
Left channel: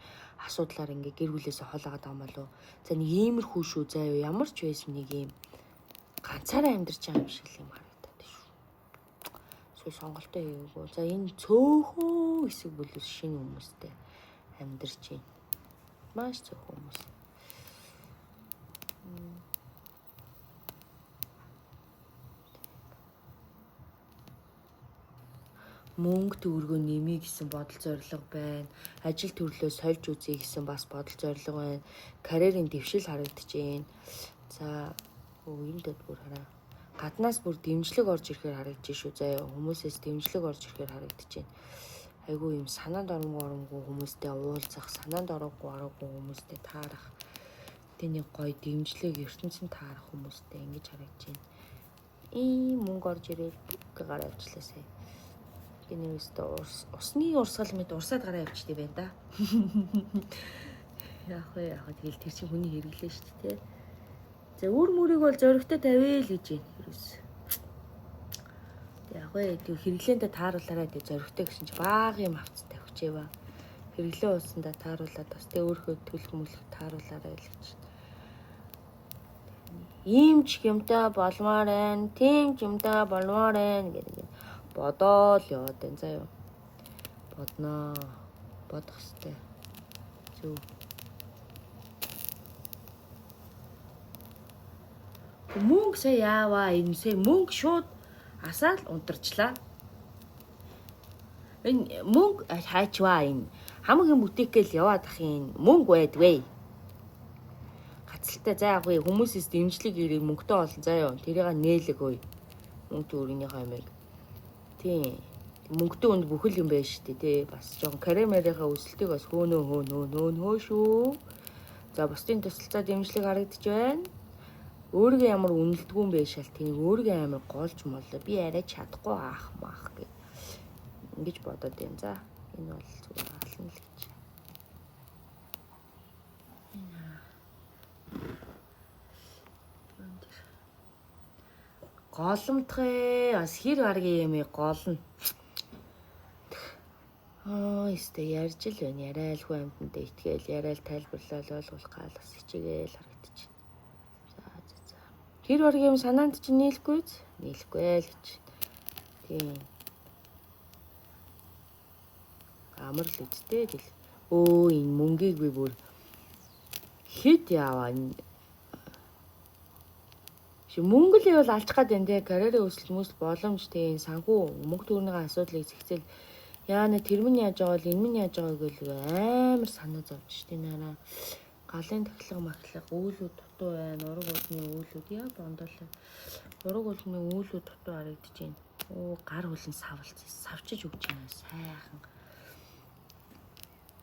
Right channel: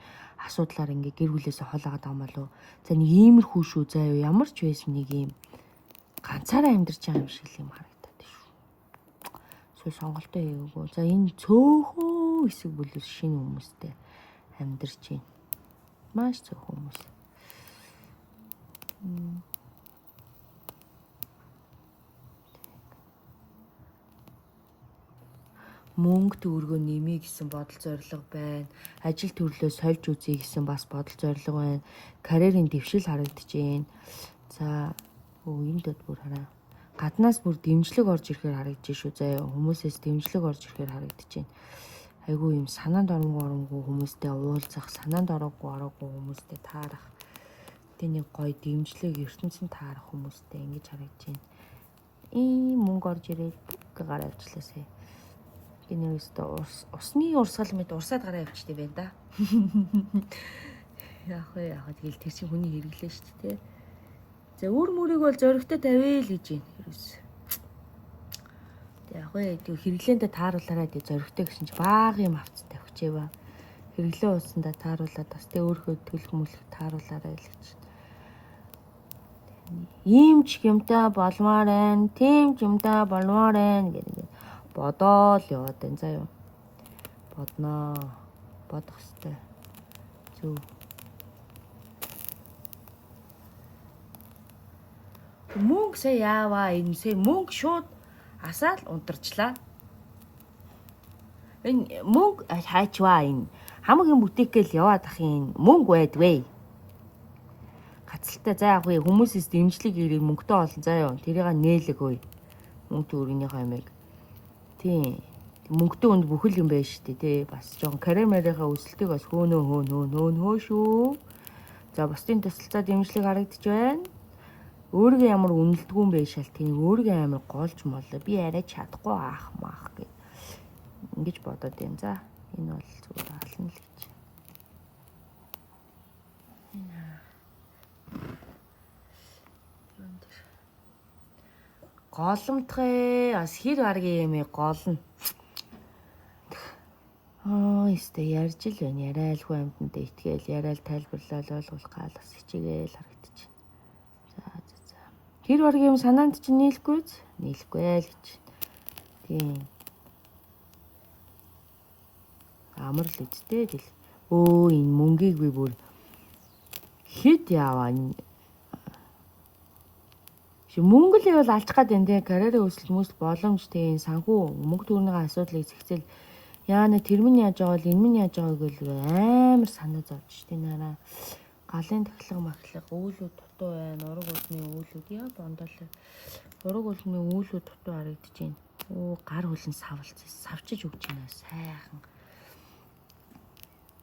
асуудлаар ингээ гэр бүлээсээ холаагаад байгаа юм болов. За нэг иймэрхүү шүү заа юу ямар ч байсан нэг юм ганцаараа амьдарч байгаа юм шиг юм харагдаад шүү. Эсвэл сонголтоо хийгээгүй. За энэ цөөхөн хэсэг бүлээс шинэ хүмүүстэй амьдарч байна. Маш цөөхөн хүмүүс. Мөнгө төгрөгөө нэмье гэсэн бодол зорилго байна. Ажил төрлөө сольж үзье гэсэн бас бодол зорилго байна. Карьерийн дэвшил харагдаж байна. За энэ дэд бүр хараа. Гаднаас бүр дэмжлэг орж ирэхээр харагдаж шүү заяа. Хүмүүсээс дэмжлэг орж ирэхээр харагдаж байна. Айгүй юм санаанд оронгүй хүмүүстэй уулзах, санаанд ороогүй хүмүүстэй таарах. Тэний гоё дэмжлэг ертөнцийн таарах хүмүүстэй ингэж харагдаж байна. Ийм мөнгө орж ирээ гараа авчлаасаа. Энэвэстэ усны урсгал мэд урсаад гараа явчихдаг байна да. Яг тэгэл тэр чинь хүний хэрэглээ шүү дээ. За үр мөрийг бол зөрөгтэй тавиа л гэж байна. Яг хэрэглээндээ тааруулаарай гэж зөрөгтэй гэсэн чи бага юм авцтай авчээ ба. Хэрэглээ ууснда тааруулаад бас тэ өөрхөө төлөх мөлх тааруулаарай л гэж. Ийм ч юмтай болмоор байна, тийм ч юмтай болмоор байна гэдэг. Бодоол яваад байна заа юу. Бодноо. Бодох хэвээр. Зөв. Мөнгө сая яаваа энэсээ мөнгө шууд асаал унтарчлаа. Энэ мөнгө хайчваа энэ хамгийн бутикэл яваад ах юм мөнгө байдвэ. Гацалтай заа яг хүмүүсээс дэмжлэг ирэх мөнгөтэй олон заа юу. Тэрийг нээлэггүй. Мөнгө төгрөгийнхаа юмыг. Тийм. Мөнгөтэй үнд бүхэл юм байна шүү дээ тий. Бас жоохон карьерийнхаа өсөлтийг бас хөөнөө шүү. За бусдын тусалцаа дэмжлэг харагдаж байна. Өөргөө ямар үнэлдэггүй юм бэ шал тийм өөргөө амар голж молоо. Би арай чадахгүй аах маах гэх. Ингэж бодоод юм за. Энэ бол зүгээр ална л гэж. Голомтгой бас хэр гаргийн юм голно. Өстө ярьж л байна. Яриалгүй юмд итгээл яриал тайлбарлал ойлгуулах гал бас хичээгээл харагдаж байна. За. Тэр баргийн юм санаанд чинь нийлэхгүй л гэж. Тийм. Амар л үсттэй гэл. Энэ мөнгийг би бүр хэд яваа мөнгө л бол алж гад энэ тэ карьерийн өсөлт хүмүүст боломжтой санхүү мөнгө төгрөгийн асуудлыг зэгцэл яана тэр минь яаж байгаа бол энэ минь яаж байгааг л амар санаа зовж штэ наараа галын тахлага махлаг үүлүүд дутуу байна ураг үлний үүлүүд яа бондоолаа ураг үлний үүлүүд дутуу харагдаж байна гар үлэн савчиж өгч байна сайхан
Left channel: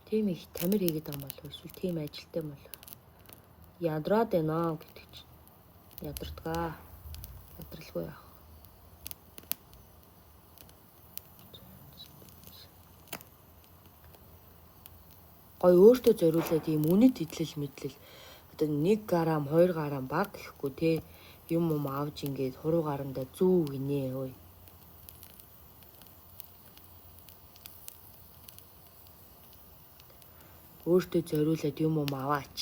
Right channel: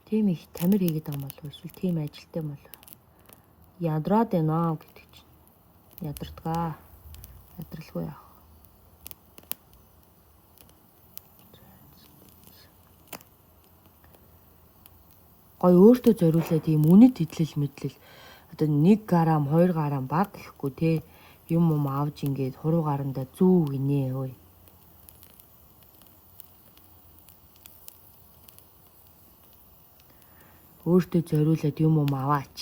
тийм их тамир хийгээд байгаа болов эсвэл тийм ажилтай болов ядраад байна гэдэг чинь ядартгаа ядралгүй яах гой өөртөө зориулаад ийм үнэт хэдлэл мэдлэл одоо 1 грамм 2 грамм баг гэхгүй те юм авж ингээд хуруу гарамдаа зүү гинэ ой өөртөө зориулаад юм аваач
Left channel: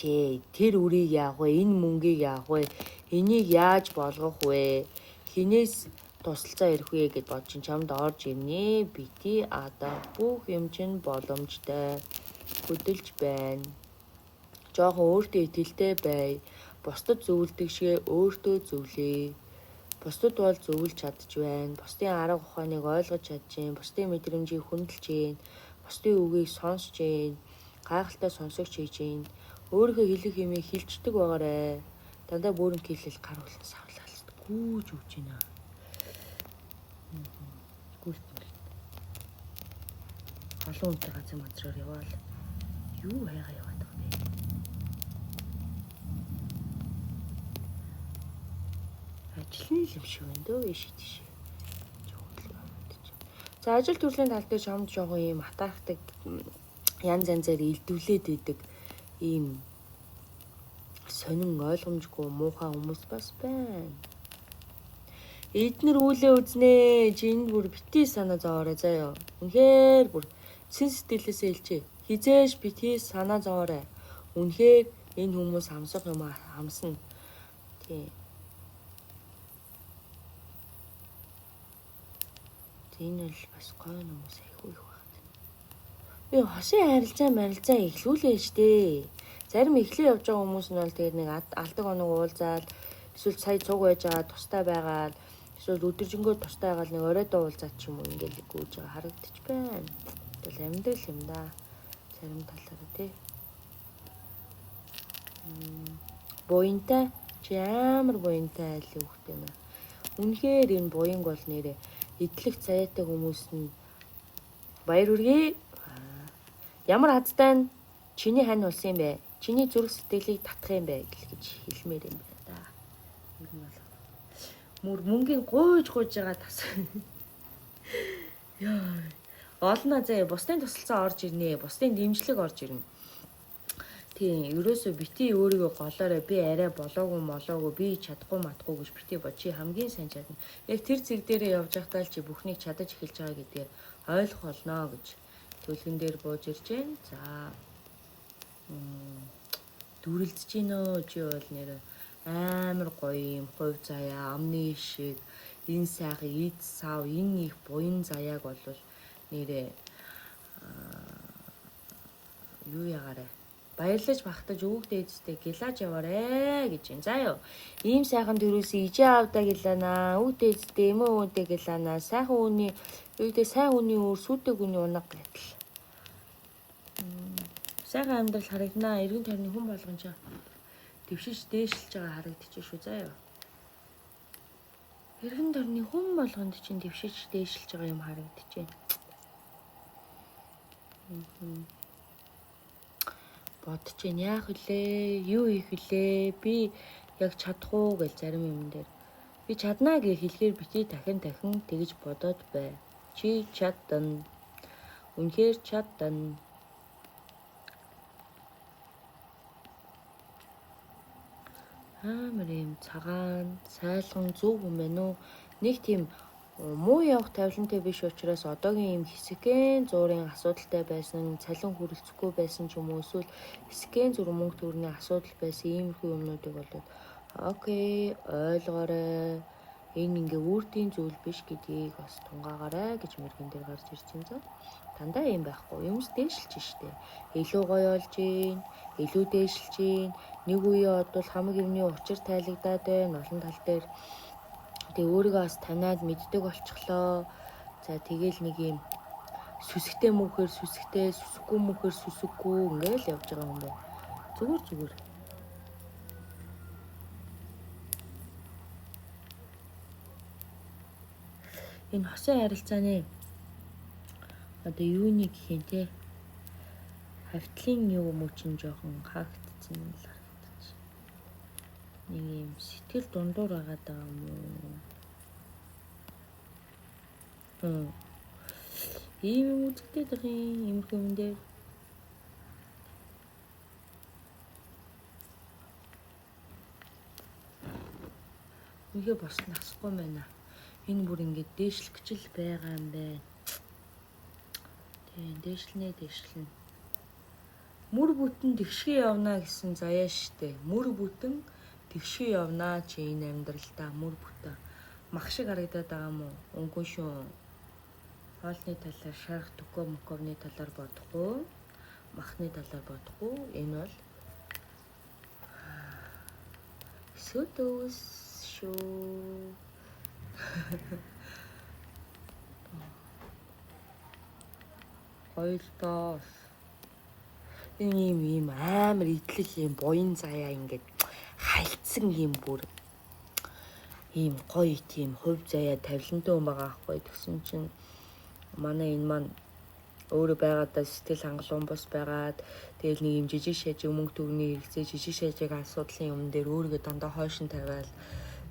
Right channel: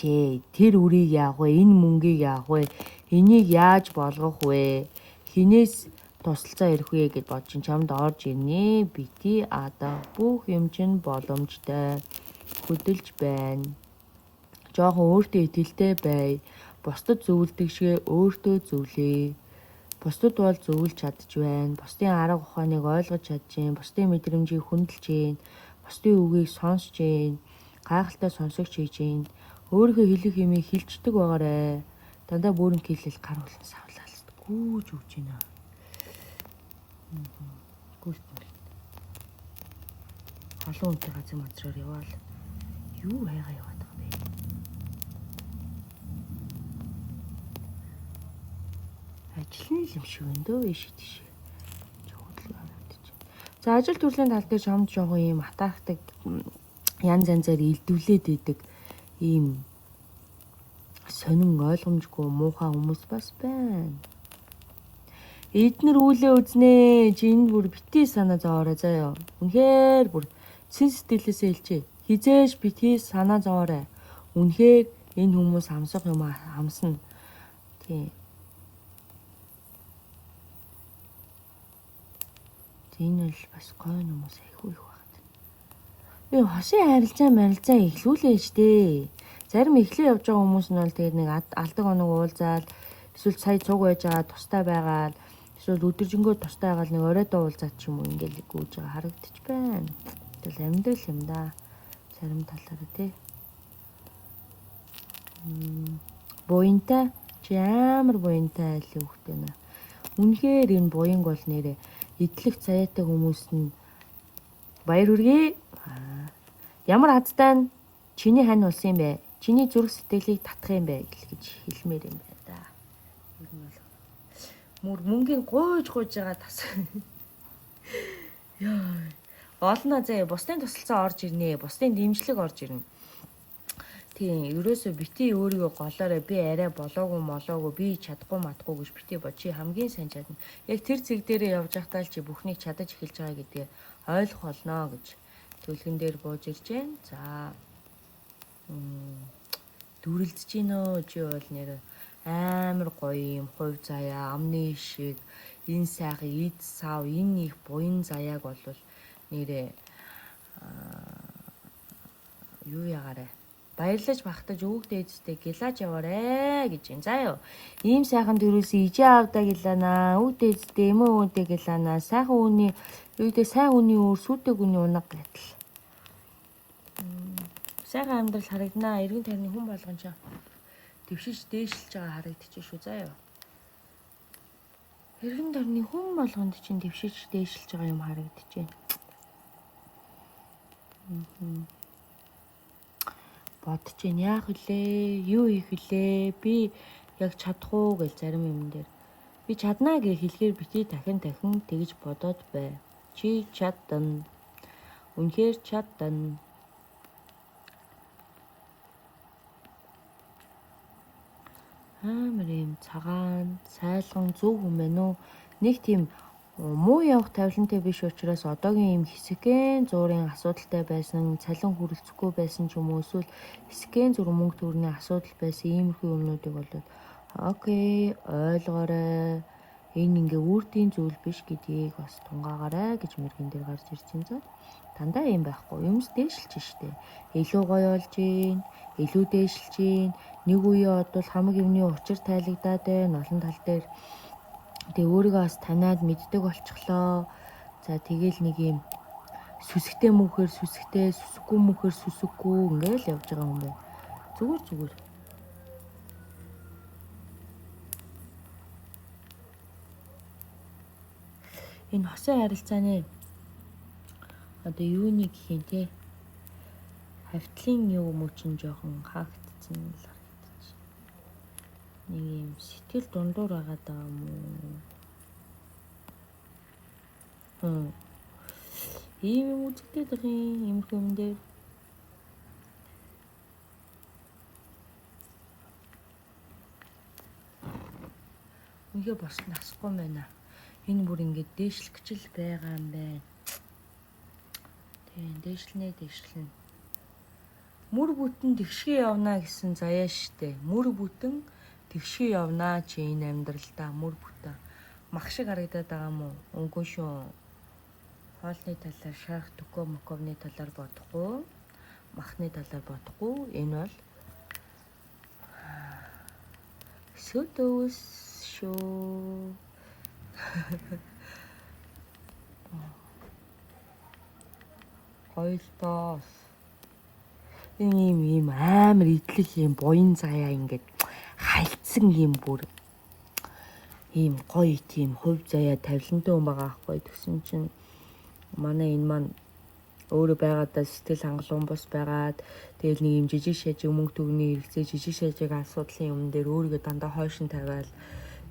тэр үрийг яах вэ энэ мөнгийг яах вэ энийг яаж болгох вэ хинээс тусалцаа ирэх вэ гэж бодож чамд орж ирнэ бити одоо бүх юм чинь боломжтой хөдөлж байна жоохон өөртөө итгэлтэй бай бусдад зөвлөдөг шиг өөртөө зөвлөе бусдад бол зөвлөж чадж байна бусдын арга ухааныг ойлгож чадж байна бусдын мэдрэмжийг хүндэлж байна бусдын үгийг сонсч байна гайхалтай сонсогч хийж ийн. Өөрийнхөө хэлэх юмыг хэлцдэг байгаарэ. Дандаа бүрэн хэлэл гар болон савлал. Гүүж өгч байна. Гүүл. Алуу унтаа газар мазраар яваал. Юу хайгаа яваад байна бэ? Ажлын юм шиг энэ дөө шийдэж. За ажил төрлийн тал дээр шомж жоохон ийм хатаахдаг янз янзаар илдвлээд идэг ийм сонин ойлгомжгүй муухай хүмүүс бас байна. Эднэр үүлээ үзнэ. Чи энэ бүр битгий санаа зовоорой заяа. Үнэхээр бүр сэн сэтгэлээсээ хэлчихье. Хизээж битгий санаа зовоорой. Үнэхээр энэ хүмүүс хамсах юм хамсна. Тийм. Энэ л бас гой хүмүүс айгүй их байна. Би хосын харилцаа эхлүүлээ штэ. Зарим эхлээ явж байгаа хүмүүс нь бол тэгээд нэг алдаг оног уулзаал эсвэл сая цуг байж байгаа тустай байгаа. Эсвэл өдөржингөө тустай байгаа нэг оройдоо уулзаад ч юм уу ингээл гүйж байгаа харагдчих байна. Тэгэл амьдрал юм да. Зарим талаараа тий. Буянтай чи амар буянтай л хүүхдээ нэ. Үнэхээр энэ буянг бол нэрээ идэлх зайтай хүмүүс нь баяр хүргэе. Ямар азтай нь чиний хань болсон юм бэ? Чиний зүрх сэтгэлийг татах юм бэ гэж хэлмээр юм байна да. Ер нь бол мөнгөний гуйж байгаа тас. Яа. Олно заяа бусдын тусалцаа орж ирнэ. Бусдын дэмжлэг орж ирнэ. Тийм, ерөөсөө бити өөрийгөө голоорой би арай болоогүй би чадахгүй матгүй гэж бити бо чи хамгийн сайн чадна. Яг тэр зэг дээрээ явж байхдаа л чи бүхнийг чадаж эхэлж байгаа гэдгийг ойлгох болно гэж төлгөн дээр бууж ирж байна. За. Дүрлж гинөө чи бол нэр амар гоё юм хувь заяа амны шиг энэ сайхан эд сав энэ их буян заяаг бол нэрээ юу ягаарэ баярлаж багтаж өвгдээдтэй гилаж яваарэ гэж юм. За ёо. Ийм сайхан дөрөөсөө ижээ авдаа гэлана. Өвгдээдтэй эмээ өвдөө гэлана. Сайхан үний юудээ сайн үний өөр сүдэг үний унаг гэтэл. Сайхан амьдрал харагнаа. Эргэн тойрны хүн болгон ч дэвшиж дээшилж байгаа харагдчих шүү. За ёо. Эргэн тойрны хүн болгонд чинь дэвшиж дээшилж байгаа юм харагдчихэ. Бодож ин яах вүлээ? Юу хийх вүлээ? Би яг чадах уу гэж зарим юм дээр. Би чаднаа гэж хэлэхээр бити дахин тэгж бодоод бай. Чи чадна. Үнэхээр чадна. Амар юм цагаан, сайлган зүг юм байна уу? Нэг тийм муу явах тавилантай биш учраас одоогийн юм хэсэгэн зуурын асуудалтай байсан, цалин хүрэлцэхгүй байсан ч юм уу эсвэл хэсэгэн зур мөнгө төгрөгийн асуудал байсан иймэрхүү юмнуудыг болоод окей, ойлгоорой. Энэ ингээ үрдийн зүйл биш гэдгийг бас тунгаагаарай гэж мэрэгэн дээр гарч ирж байна. Дандаа юм байхгүй. Юмс дээшилж штэ. Илүү гоё болж гин, илүү дээшилж гин. Нэг үе бодвол хамаг юмны учир тайлагдаад байна олон тал дээр. Тэгээ өөрийгөө бас танаад мэддэг болчихлоо. За тэгэл нэг юм сүсгтэй мөхөр сүсгтэй, сүсггүй мөхөр сүсггүй ингээл явж байгаа юм байна. Зүгээр. Энэ хосын харилцааны одоо юуны гэх юм те хавтлын юу мөчн жоохон хаагдсан л харагдаж. Нэг юм сэтгэл дундуур байгаа даа юм. Ийм үзэгдээд байгаа юм хүмдээ. Үгээ болсон асахгүй байна. Энэ бүр ингэж дээшлэх гэж л байгаа юм бэ. Тийм дээшлэнэ. Мөр бүтэн тэгшгээ явна гэсэн заяа штэ. Мөр бүтэн тэгшгээ явна чи энэ амьдралдаа мөр бүтэн. Мах шиг харагдаад байгаа юм уу? Үгүй шүү. Хоолны талаар шарх мөкөвний талаар бодохгүй. Махны талаар бодохгүй. Энэ бол сөдөөс шүү. Ойлтоос. ийм амар идэл ийм буян заяа ингээд хальцсан ийм бүр ийм гоё тийм хувь заяа тавилантай юм байгаа аахгүй. Тэгсэн чинь манай энэ маань өөрөө байгаадаа сэтгэл хангалуун бос байгаад тэгэл нэг юм жижиг шажиг мөнгө төгний хэрэгцээ жижиг шажиг асуудлын юм дээр өөрийгөө дандаа хойшин тавиал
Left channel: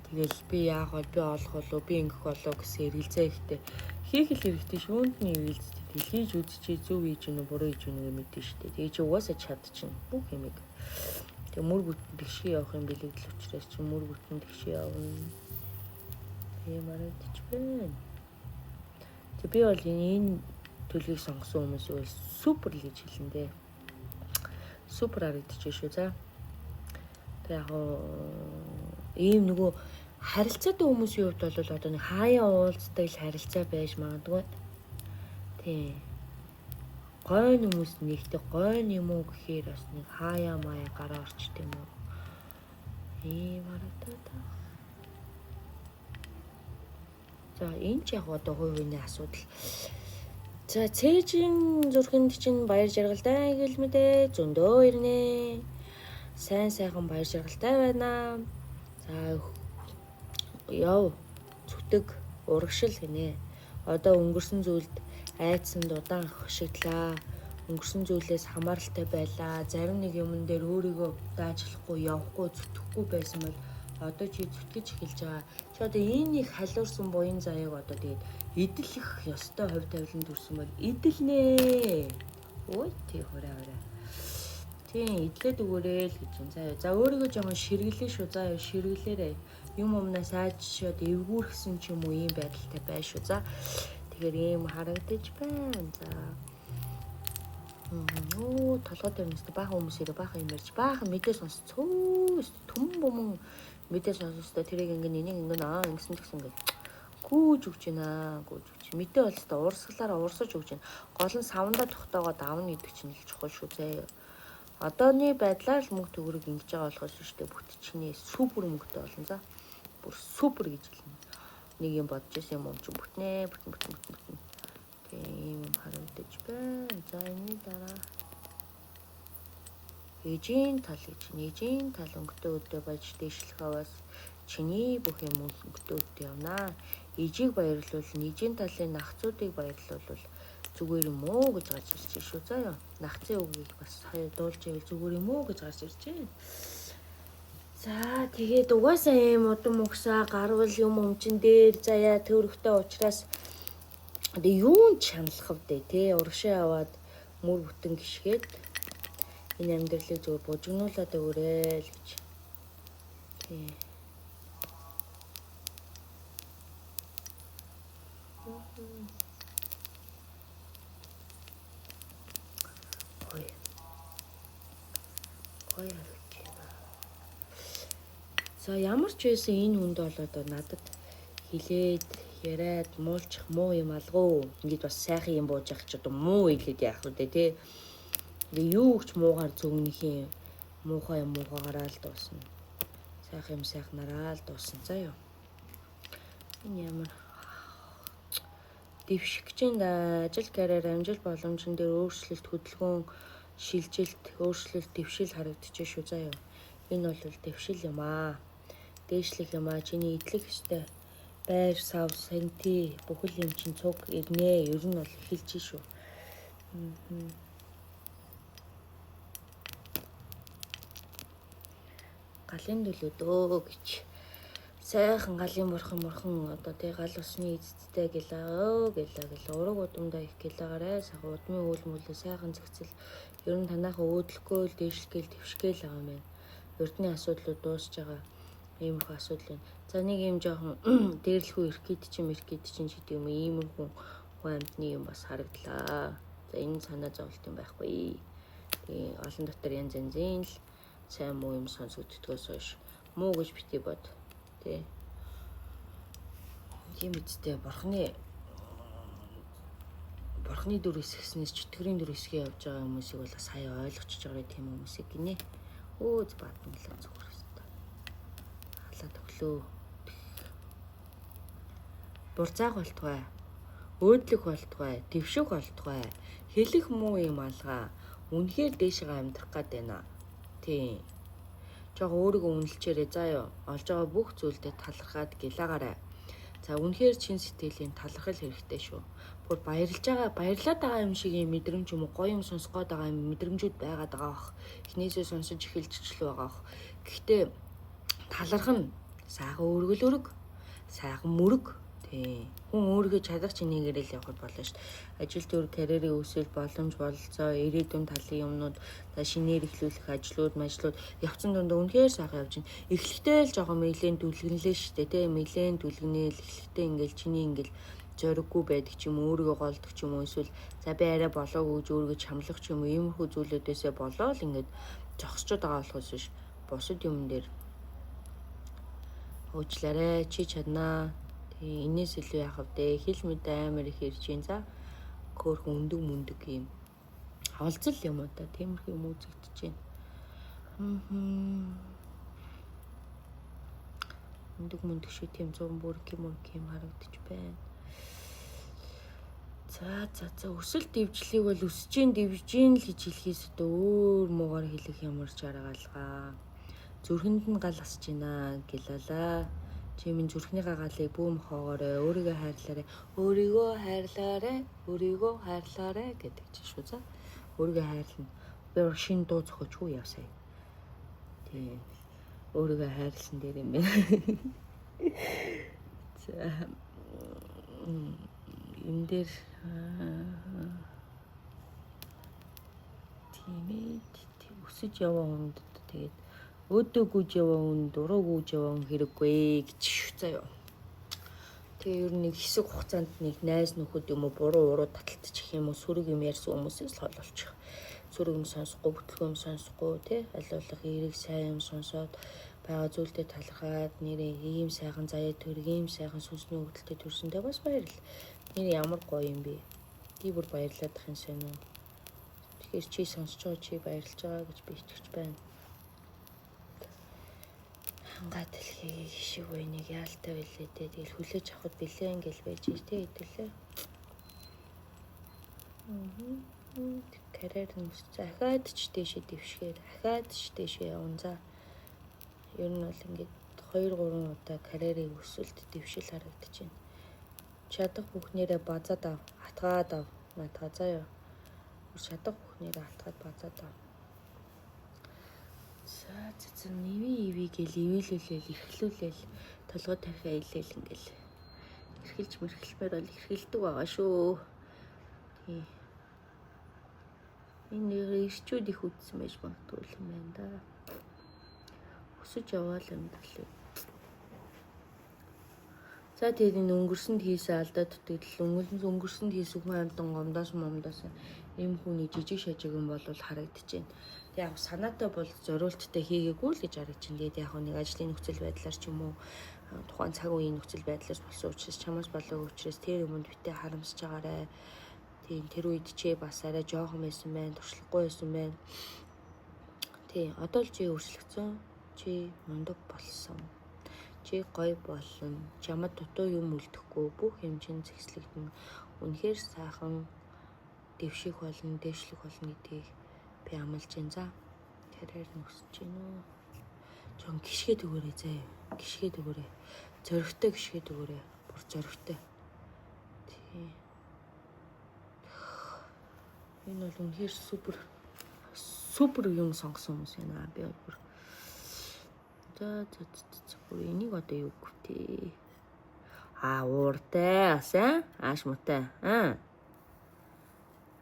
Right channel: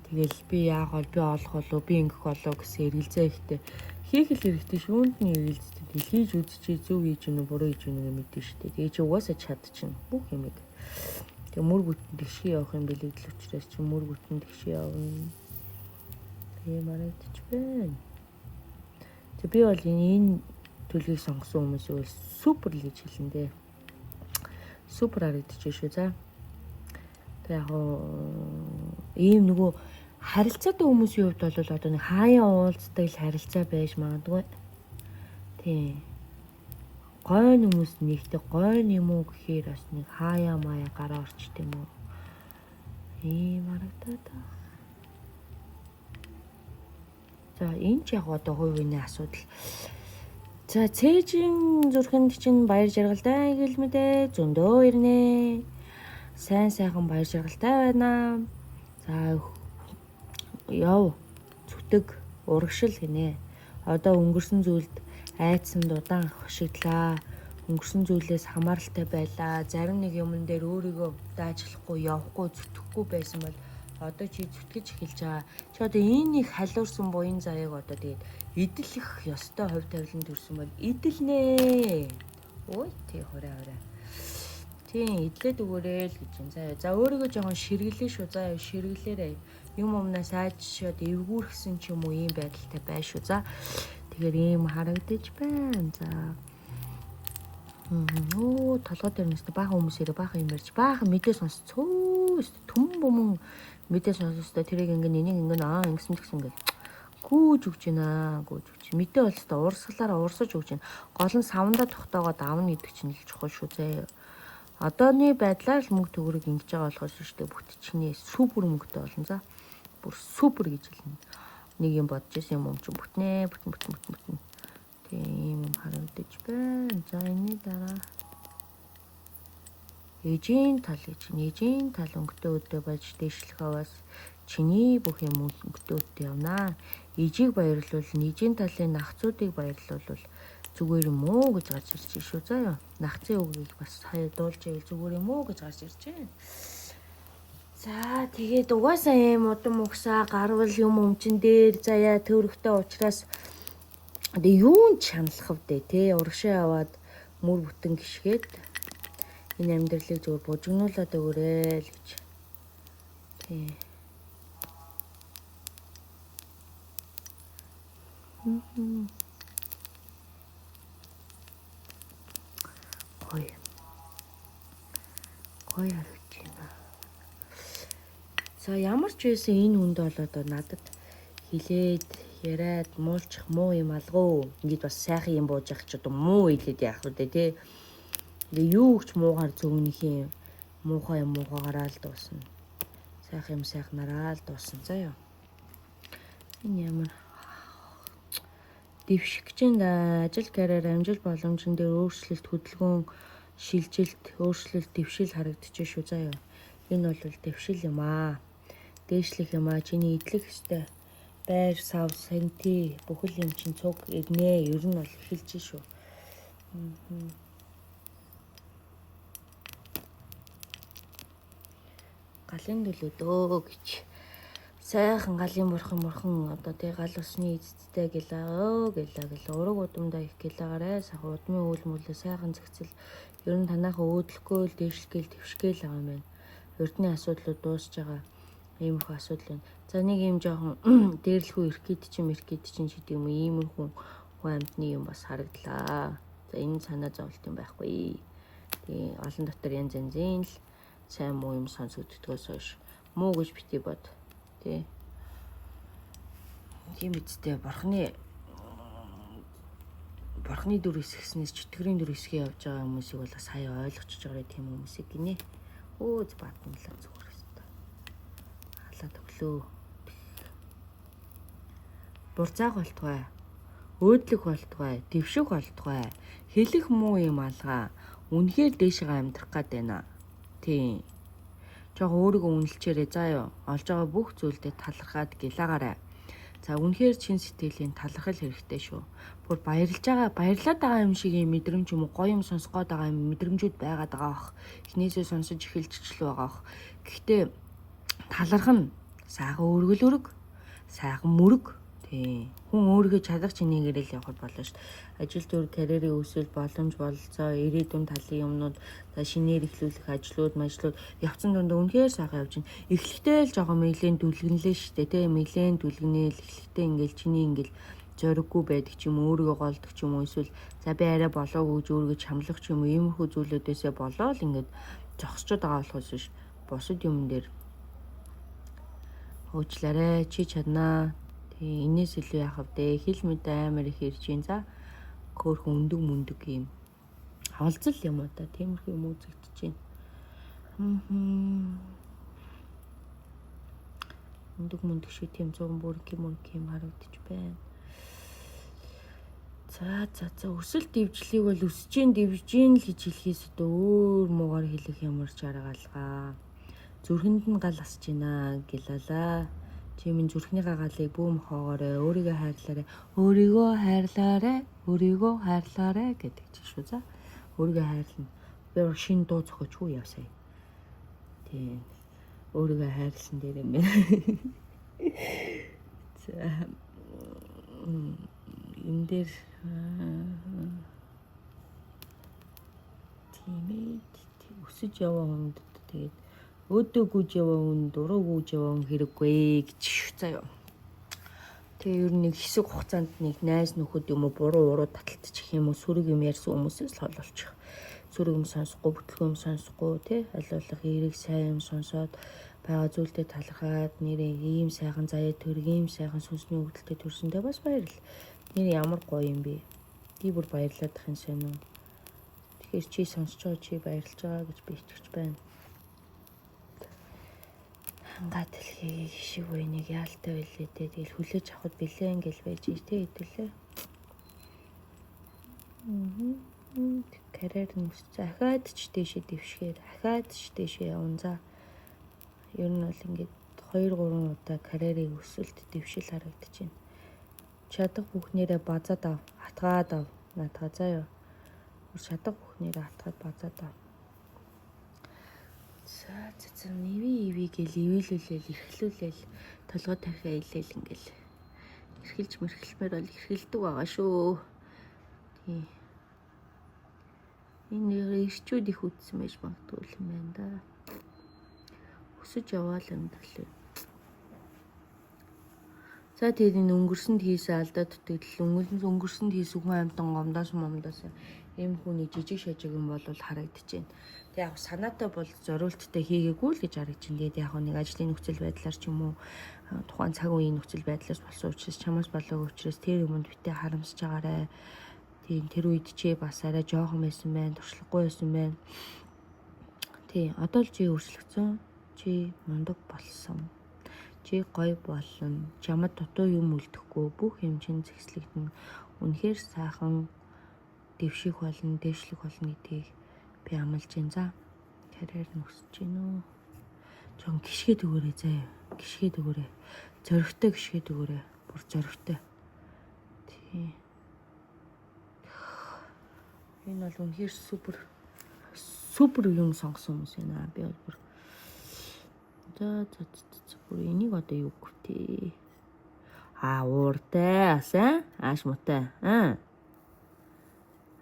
тэгэл би яах вэ би олох болов би ингэх болов гэсэн эргэлзээ ихтэй хийх л хэрэгтэй шүүнд нь эргэлзээ хийж үзчихээ зөв хийж гэнэ буруу хийж гэнэ мэдэн штэ тэгээ чи угаасаа чадчихна бүх юмэг тэг мөр бүтэн тэгшээ явах юм билээ л учраас чи мөр бүтэн тэгшээ явна тийм арайч байна тэг би бол энэ төлгийг сонгосон хүмүүсийг супер л гэж хэлэн дээ. Супер харагдчих шүү за. Тэг яг ийм нөгөө харилцаатай хүмүүсийн хувьд бол одоо нэг хаяа уулздаг харилцаа байж магадгүй. Тий. Гойн хүмүүс нэгтэй гойн юм уу гэхээр бас нэг хаяа маяа гараа орчт юм уу. Ийм харагдаад. За энэ ч яг одоо хувийн асуудал. За цээжийн зүрхэнд чинь баяр жаргалтай гэлмэдэ зөндөө ирнэ. Сайн сайхан баяр жаргалтай байна. За яв зүтэг урагшил гинэ. Одоо өнгөрсөн зүйлд айдсан удаан хашиглаа. Өнгөрсөн зүйлээс хамааралтай байлаа. Зарим нэг юмн дээр өөрийгөө даажлахгүй явахгүй зүтгэхгүй байсан бол одоо чи зүтгэж эхэлж байгаа. Чи одоо энэ их халуурсан буян заяаг одоо тэгээд эдэлэх ёстой хувь тавиланд ирсэн баг. Эдэлнэ. Ой тий хүрээ. Тийм эдлээд өгөөрэй л гэж юм заяа. За өөрийгөө жоохон ширгэлээ шүү заяа ширгэлээрээ. Юм өмнөөс айжшаад эвгүүрхсэн ч юм уу ийм байдалтай бай шүү за. Тэгэхээр ийм харагдаж байна. За. Толгой дээр нэс баахан хүмүүсээрээ баахан юм ярьж баахан мэдээ сонсцгоо. Түм бүмэн мэдээ сонсохтой тэрийг ингэн энийг ингэн ингэсэн гэсэн гэл. Гүүж өгч байна. Гүүж өгч. Мэдээ болстой урсгалаараа урсаж өгч байна. Гол нь савндаа тогтоогоод авна гэдэг чинь их чухал шүү заяа. Одооны байдлаар л мөнгө төгрөг ингэж байгаа болохоос шүү дээ. Бүтчихний супер мөнгөтэй болно за. Бүр супер гэж хэлнэ. Нэг юм бодож исэн юм ч бүтнэ. Тийм харагдаж байна. За энэ дараа. Эжийн тал гэж ээжийн тал өнгөтэй өдөө байж дэвшлэх аваас чиний бүх юм өнгөтэй өдөө явнаа. Ижийг баярлуул, ээжийн талын нахцуудыг баярлуул зүгээр юм уу гэж гарч ирж шүү заяа. Нахцын үгийг бас хаяа дуулж ивэл зүгээр юм уу гэж гарч ирж байна. За тэгээд угаасаа юм удам угсаа гарвал юм өмчин дээр заяа төвөрхтэй уучраас юун чаналах вэ те урагшаа аваад мөр бүтэн гიშгээд энэ амьдралыг зүгээр бужигнуулаад өгөөрэй л гэж. Тий. Гоё харагч байна. За ямар ч байсан энэ үнд бол одоо надад хилээд яриад муулчих муу юм алгоо. Ингээд бас сайхан юм бууж явах ч одоо муу хэлээд яах вэ те. Юу ч муугаар зөвнөхийн муухай юм муугаараа л дуусна. Сайхан юм сайхнараа л дуусна заяа. Энэ ямар дэвшигч ажил карьер амжилт боломжн дээр өөрчлөлт хөдөлгөөн шилжилт өөрчлөлт дэвшил харагдчих шүү заяа. Энэ бол дэвшил юм аа. Дээшлэх юм аа. Чиний идэх ёстой байр сав сэнти бүхэл юм чин цуг ирнэ. Ер нь бол эхэлж шүү. Галын нөлөөдөө гэж сайхан галын морхон одоо тэг гал усны эцэдтэй гэлээ ураг удамдаа их гэлаагаарэ сахаа удмын үйл мөлөө сайхан зэгцэл ер нь танаахан өөдлөхгүй л дээшлгээл твшгээл байгаа юм байна. Эрдний асуудлууд дуусж байгаа ийм их асуудал байна. За нэг юм жоохон дээрлэхүү ирэх гээд чинь гэдэг юм ийм хүн амьтны юм бас харагдлаа. За энэ санаа зовлт юм байхгүй. Олон дотор янз янзын л сайн муу юм сонсогддгоос хойш муу гэж бити бод. Тэ. Тийм үстэй бурхны дүр хэсгснээс чөтгөрийн дүр хэсгээ явж байгаа хүмүүсийг бол бас хаяа ойлгочихж байгаа тийм хүмүүсийг гинэ. Өөз бадмлаа зүгээр хэвээр. Халаад өглөө. Бурцааг болтугай. Өөдлөх болтугай. Дэвших болтугай. Хэлэх муу юм алгаа. үнэхээр дээшээ амьдрах гад байна. Тийм. Жог өөрийгөө үнэлчээрээ заа юу. Олж байгаа бүх зүйлдээ талархаад гэлаагаарай. За үнэхээр чин сэтгэлийн талархал хэрэгтэй шүү. Бүр баярлаад байгаа юм шиг юм мэдрэмж юм уу, гоё юм сонсгоод байгаа юм мэдрэмжүүд байгаад байгаа бах. Эхнээсээ сонсож эхэлчихлээ байгаа бах. Гэхдээ таларх нь сайхан өргөл, сайхан мөрөг. Тий. Хүн өөрийнхөө чадах чинээгээр л явах болно шүү. Ажил төр карьерийн өсөл, боломж бололцоо, ирээдүйн талын юмнууд, за шинээр эхлүүлэх ажлууд явцсан дунд үнэхээр сайхан явж байна. Эхлэхдээ л жоохон мэйлийн дүлгэнлээ шүү дээ. Тий. Мэйлийн дүлгэнээл эхлэхдээ ингээл чиний ингээл зориггүй байдаг ч юм уу, өөрийгөө голдог ч юм уу, эсвэл за би арай болоогүй гэж өөрийгөө чамлах ч юм уу, иймэрхүү зүйлүүдээсээ болоод ингээд зогсчод байгаа болохоос биш. Бусад юм дээр уучлаарай, чи чаднаа. Тий, энэс илүү яах вэ? Хэл мэд амар их ирж ийн. За хөөрхөн өндөг юм. Олзол юм уу та? Тиймэрхүү юм үзэгдэж байна. Өндөг шиг тийм зүүн бүрэг юм харагдаж байна. За өсөлт дэвжлийг бол өсөж гин л гэж хэлхээс өөр муугаар хэлэх юмарч аргаалгаа. Зүрхэнд нь гал асж байна гэлалаа. Чи минь зүрхний гагаалыг бүүм хоогоорой, өөрийгөө хайрлаарай гэдэг чинь шүү. За өөрийгөө хайрлана. Би шинэ дуу зохиочгүй явсаа. Тийм. Өөрийгөө хайрлсан дээр юм байна. За энэ дээр тийм өсөж яваа хүнд тэгээд өөдөөгүй яваа хүн дуруугүй яваа хэрэггүй гэж заяа. Тэгээ ер нь хэсэг хугацаанд нэг найз нөхөд юм уу буруу уруу таталтчих юм уу сүрэг юм ярьсан хүмүүсээс л олчих. Сүрэг юм сонсохгүй, бүтлгүй юм сонсохгүй тий алуулах эрийг сайн сонсоод байгаа зүйлдээ талархаад нэрээ ийм сайхан заяа төрөг ийм сайхан сүнсний хөдөлтөд төрсөндөө бас баярлал. Нэр ямар гоё юм бэ? Би бүр баярлаад их юм сайн уу. Тэгэхээр чи сонсож байгаа чи баярлж байгаа гэж би итгэж байна. Хангаа дэлхий шиг байныг яалтай байлээ дээ. Тэгэл хүлээж авахд бэлэн гэл байж тий хэдүүлээ. Карьер нь захаад ч дэшээ дэвшгээр, ахаад ч дэшээ явна за. Ер нь бол ингээд 2-3 удаа карьерийн өсөлт дэвшил харагдаж байна. Чадах бүхнээрээ базаад ав, хатгаад ав, наатаа заяа. Чадах бүхнээрээ хатгаад базаад ав. За нэви гэл ивэлүүлэл эрхлүүлэл толгой тархиа илээл ингээл эрхэлж мэрхэлмээр бол эрхэлдэг байгаа шүү. Тий. Энэ ирчүүд их үтсэн байж магадгүй юм байна да. Өсөж яваал юм талыг. За тэгээд энэ өнгөрсөнд хийсэн алдаа төтгөл өнгөрсөнд хийсэн хүн амьтан гомдоос ийм хүний жижиг шажиг юм бол харагдаж байна. Яг санаатай бол зориулттай хийгээгүй л гэж харагдаж байна. Тэгээд яг нэг ажлын нөхцөл байдлаар ч юм уу тухайн цаг үеийн нөхцөл байдлаас болсон учраас чамаас болоогүй учраас тэр юмд битээ харамсаж байгаарай. Тийм тэр үед чи бас арай жоохон байсан байна, туршлагагүй байсан байна. Тий, одоо л чи өрсөлдсөн. Чи мундаг болсон. Чи гоё болно. Чамд дутуу юм үлдэхгүй бүх юм чинь зэгслэгдэн үнэхээр сайхан дэвших болно, дээшлэх болно гэдгийг би амлаж байна. За карьер нь өсөж гин үү. Жон гიშгэд өгөөрэй заа. Гიშгэд өгөөрэй. Зоригтой гიშгэд өгөөрэй. Бүр зоригтой. Тий. Энэ бол үнэхээр супер юм сонгосон хүмүүс байна. Би бүр за энийг одоо юу гүтээ. Ууртай асан ааш муутай.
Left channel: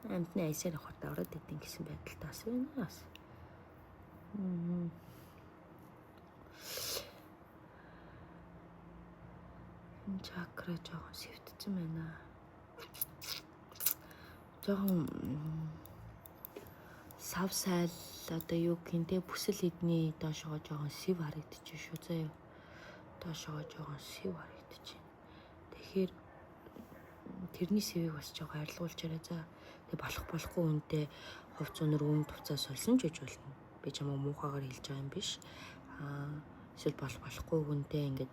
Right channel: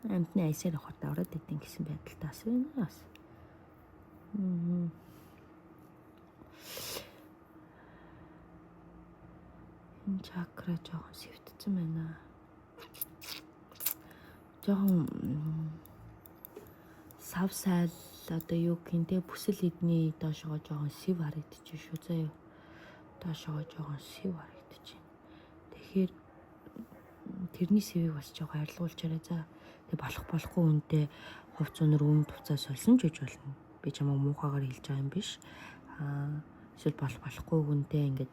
Амтны айсаар хот ороод идэв гэсэн байдалтай асан байна. Энэ чакра жоохон сэвтцэн байна. Жоохон савсайл одоо юу гэнтэй бүсэл эдний доошоо жоохон сэв харагдчих шүү заяа. Доошоо жоохон сэв харагдчих. Тэгэхээр тэрний сэвийг бас жоохон арилгуулчаарай за. Тэг болохгүй үнтэй хувц өнөр үн туцаа сольсон ч гэж болно. Би чамайг муухайгаар хэлж байгаа юм биш. Эсвэл болохгүй үнтэй ингээд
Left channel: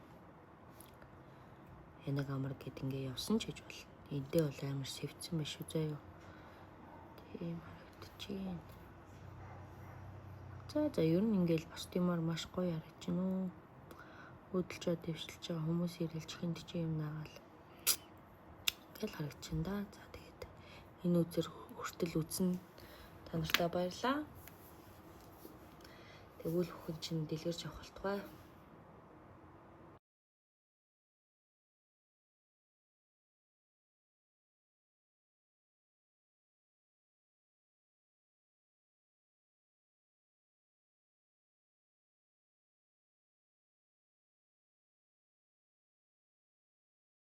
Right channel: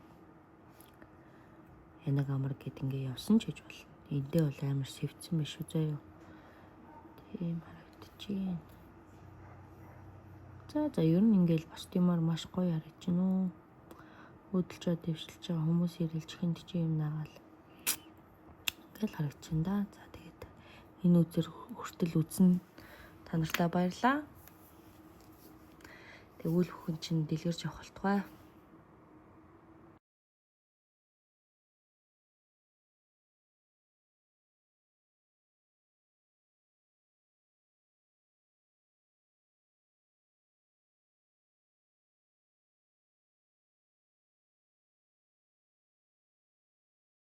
янаг амар гэд ингээд явсан ч гэж болно. Эндээ бол амар сэвцэн биш үү заяа. Тийм харагдчих. За ер нь ингээл босдимаар маш гоё харагдчихна уу. Хөдөлж дэвшилж байгаа хүмүүс ирэлж хинт чи юм наагаал. Ингээл харагдчихна да. За тэгээд энэ үзэр хүртэл үзэн та нартай баярлаа. Тэгвэл бүхэн чинь дэлгэрч явах болтугай.